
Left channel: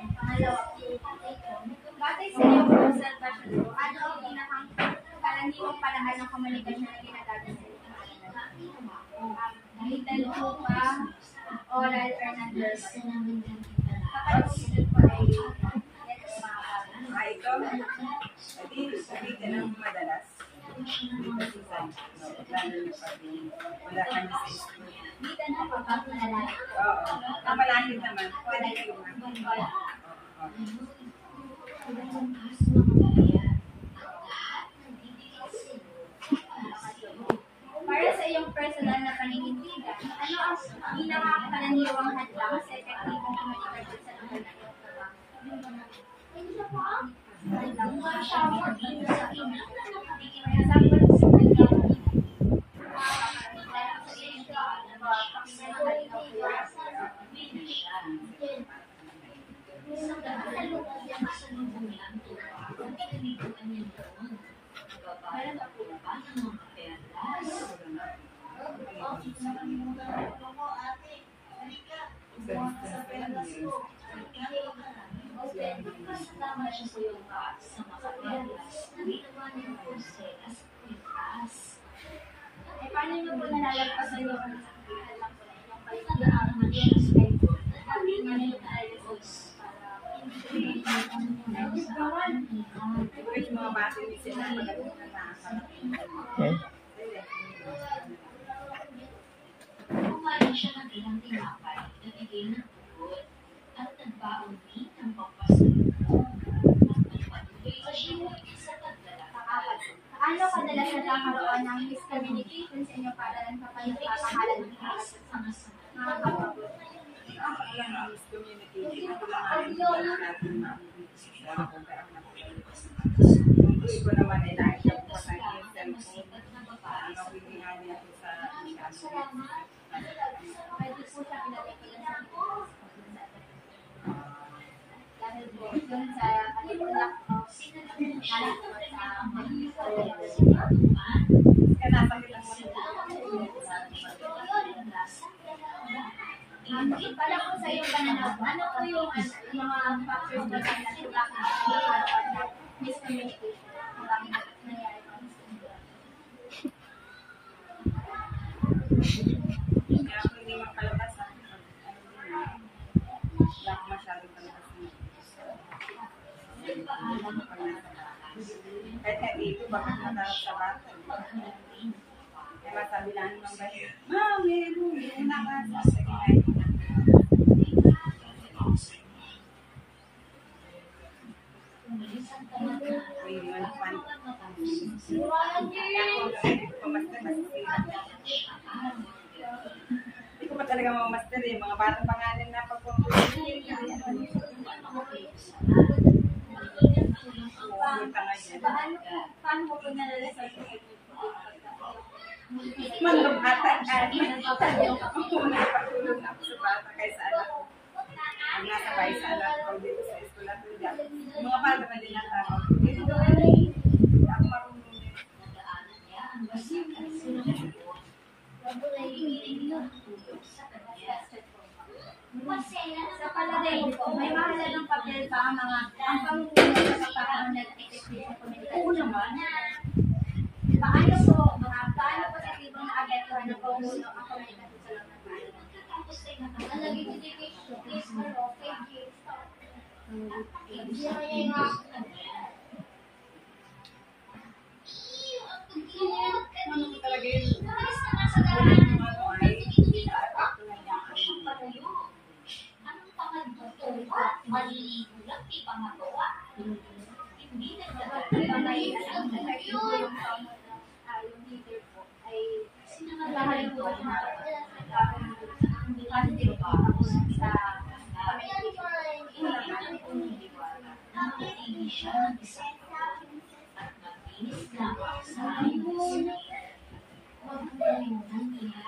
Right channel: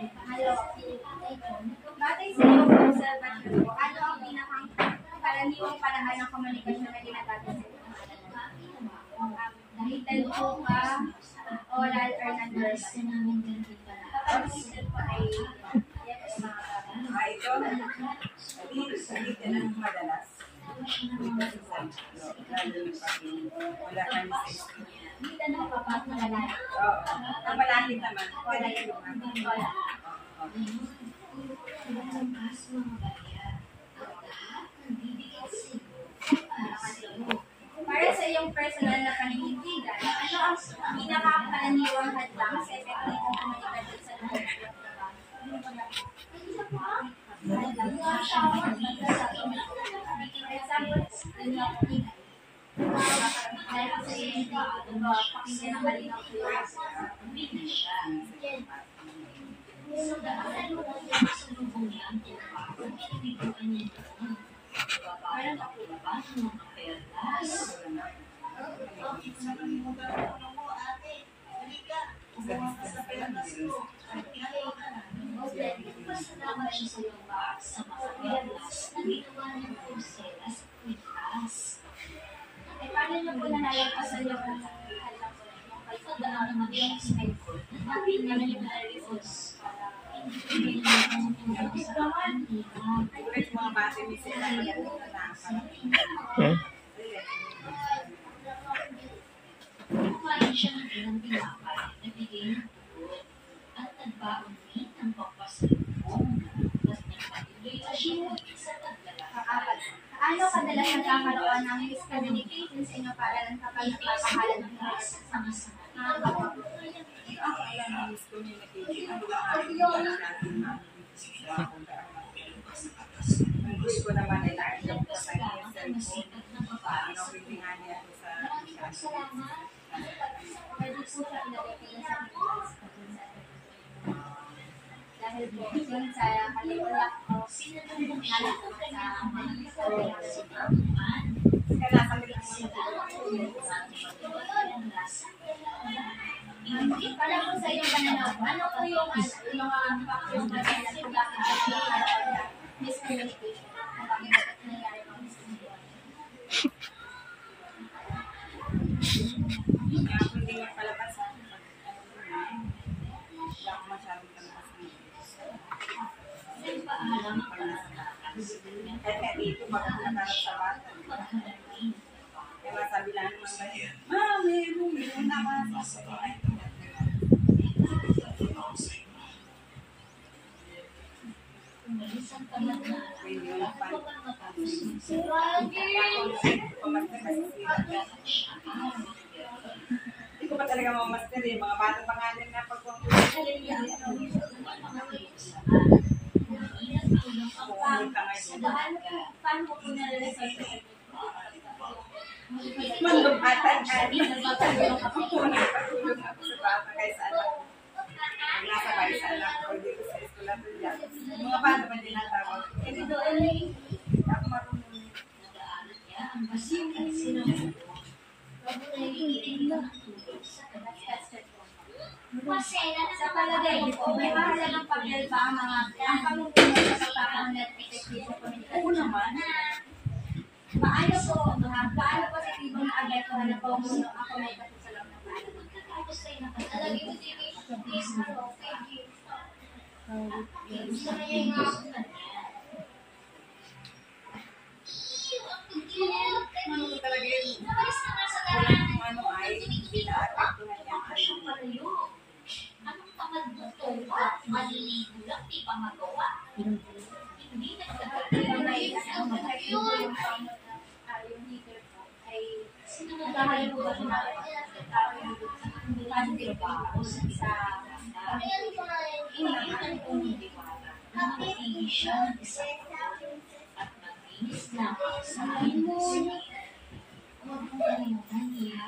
Pangalawa, batay sa iyong observation po, ano ang pinakang karaniwang paraan ng komunikasyon na ginagamit sa inyo? Written po ba, oral or non-verbal? Kapag written po ay yes, mga bata. Ito, hindi ka nang madalas. Dito sa lalo na pag wala kami sa school. Written po kapag malalaki. Oo. Ang malapit naman, wala yung mga. Oral. Para sa iyong personal na paninindigan, ano ang pinakakaraniwang hadlang sa epektibong komunikasyon sa lugar ng trabaho? Hadlang nga siya, sa email. For example, dahil sa iyong pakinggan ng kalinaw ko yun. Isang kasalubong niya ang tuwa at pinibiguan niya doon. Babaran ako ba ng mga perlas? Pasalamat siya sa iyong bag sa mga perlas na ginawa niyang pulseras at kwintas. Ay, paano niyo po nalalagpasan yung hadlang po na yung kayo? Pagdaan naman siya sa iyong na dati niya Ano na yung nalaligpos para hindi niya naman sa kanila. Kahit mga bata ni sila magaling na nakakala. Kumain siya ng ilang tinapay na bigay ng tubod at nagbaon din ng pampasalubong at nagpatuloy na siya sa pagdala. Pang-apat. Paano kadalas nagkakaroon ng miscommunication sa inyo para lang kapag nagpapakalan ng information sa mga kapwa? Ako alam ng miscommunication. Ako lang ang natin namin sa akong kaanak. Kung gusto ko naman ay nakikita ko sa aking cellphone. Ano, hindi nga niya ito sa Pwede po siya ilagay ko yun sa videos ko dun sa dahil po yun sa kalimulat ko nalit po sa kaya napagin lang mo para po sa iyong pananaw po, ano po yung mga factors na kailan kung bakit nagkakaroon ng miscommunication? Kung bakit nangyayari ng miscommunication? kaya ako hindi magpalabas sa akin. Wala ko masyadong palabas ng Nagpaalam pag nasa batas. Kahit nga dito, bakit nakarap sa bata? Kaya masabi lang naman ba, Ma, meron na ka sa kahit umalis ang tamat na hindi mo na pan. kapag Hindi ko pa talaga mamaster eh. Mga batang pangalan na pagkumpulsin. Paano mo po nare-resolve sa Manlubatan ako nagpatulong ako sa bata kaysa anak ko. Pag nasa bahay sa anak ko, dito sa eskwela to dyan. Mga bata pa din ang tawag. Hindi ako marunong nito. Sa palagay ko po, may mahalagang papel ba ang pamumuno sa pagpapakanan at effective sa komunikasyon? Oo naman. Paano po sa ibang naapektuhan ng pamumuno ang komunikasyon sa loob ng bahay? Ano ko talaga yun? Unang ano ay, inaapektuhan niya ang Anong pangadbuto at maliligo lang, di pa magawa. Hindi Yung leader po ay lahat po ba siya positive pa po sa Nakapili siya ng isang taon at maglinis lamang sa ayon. Huwag mo kalimutan niya.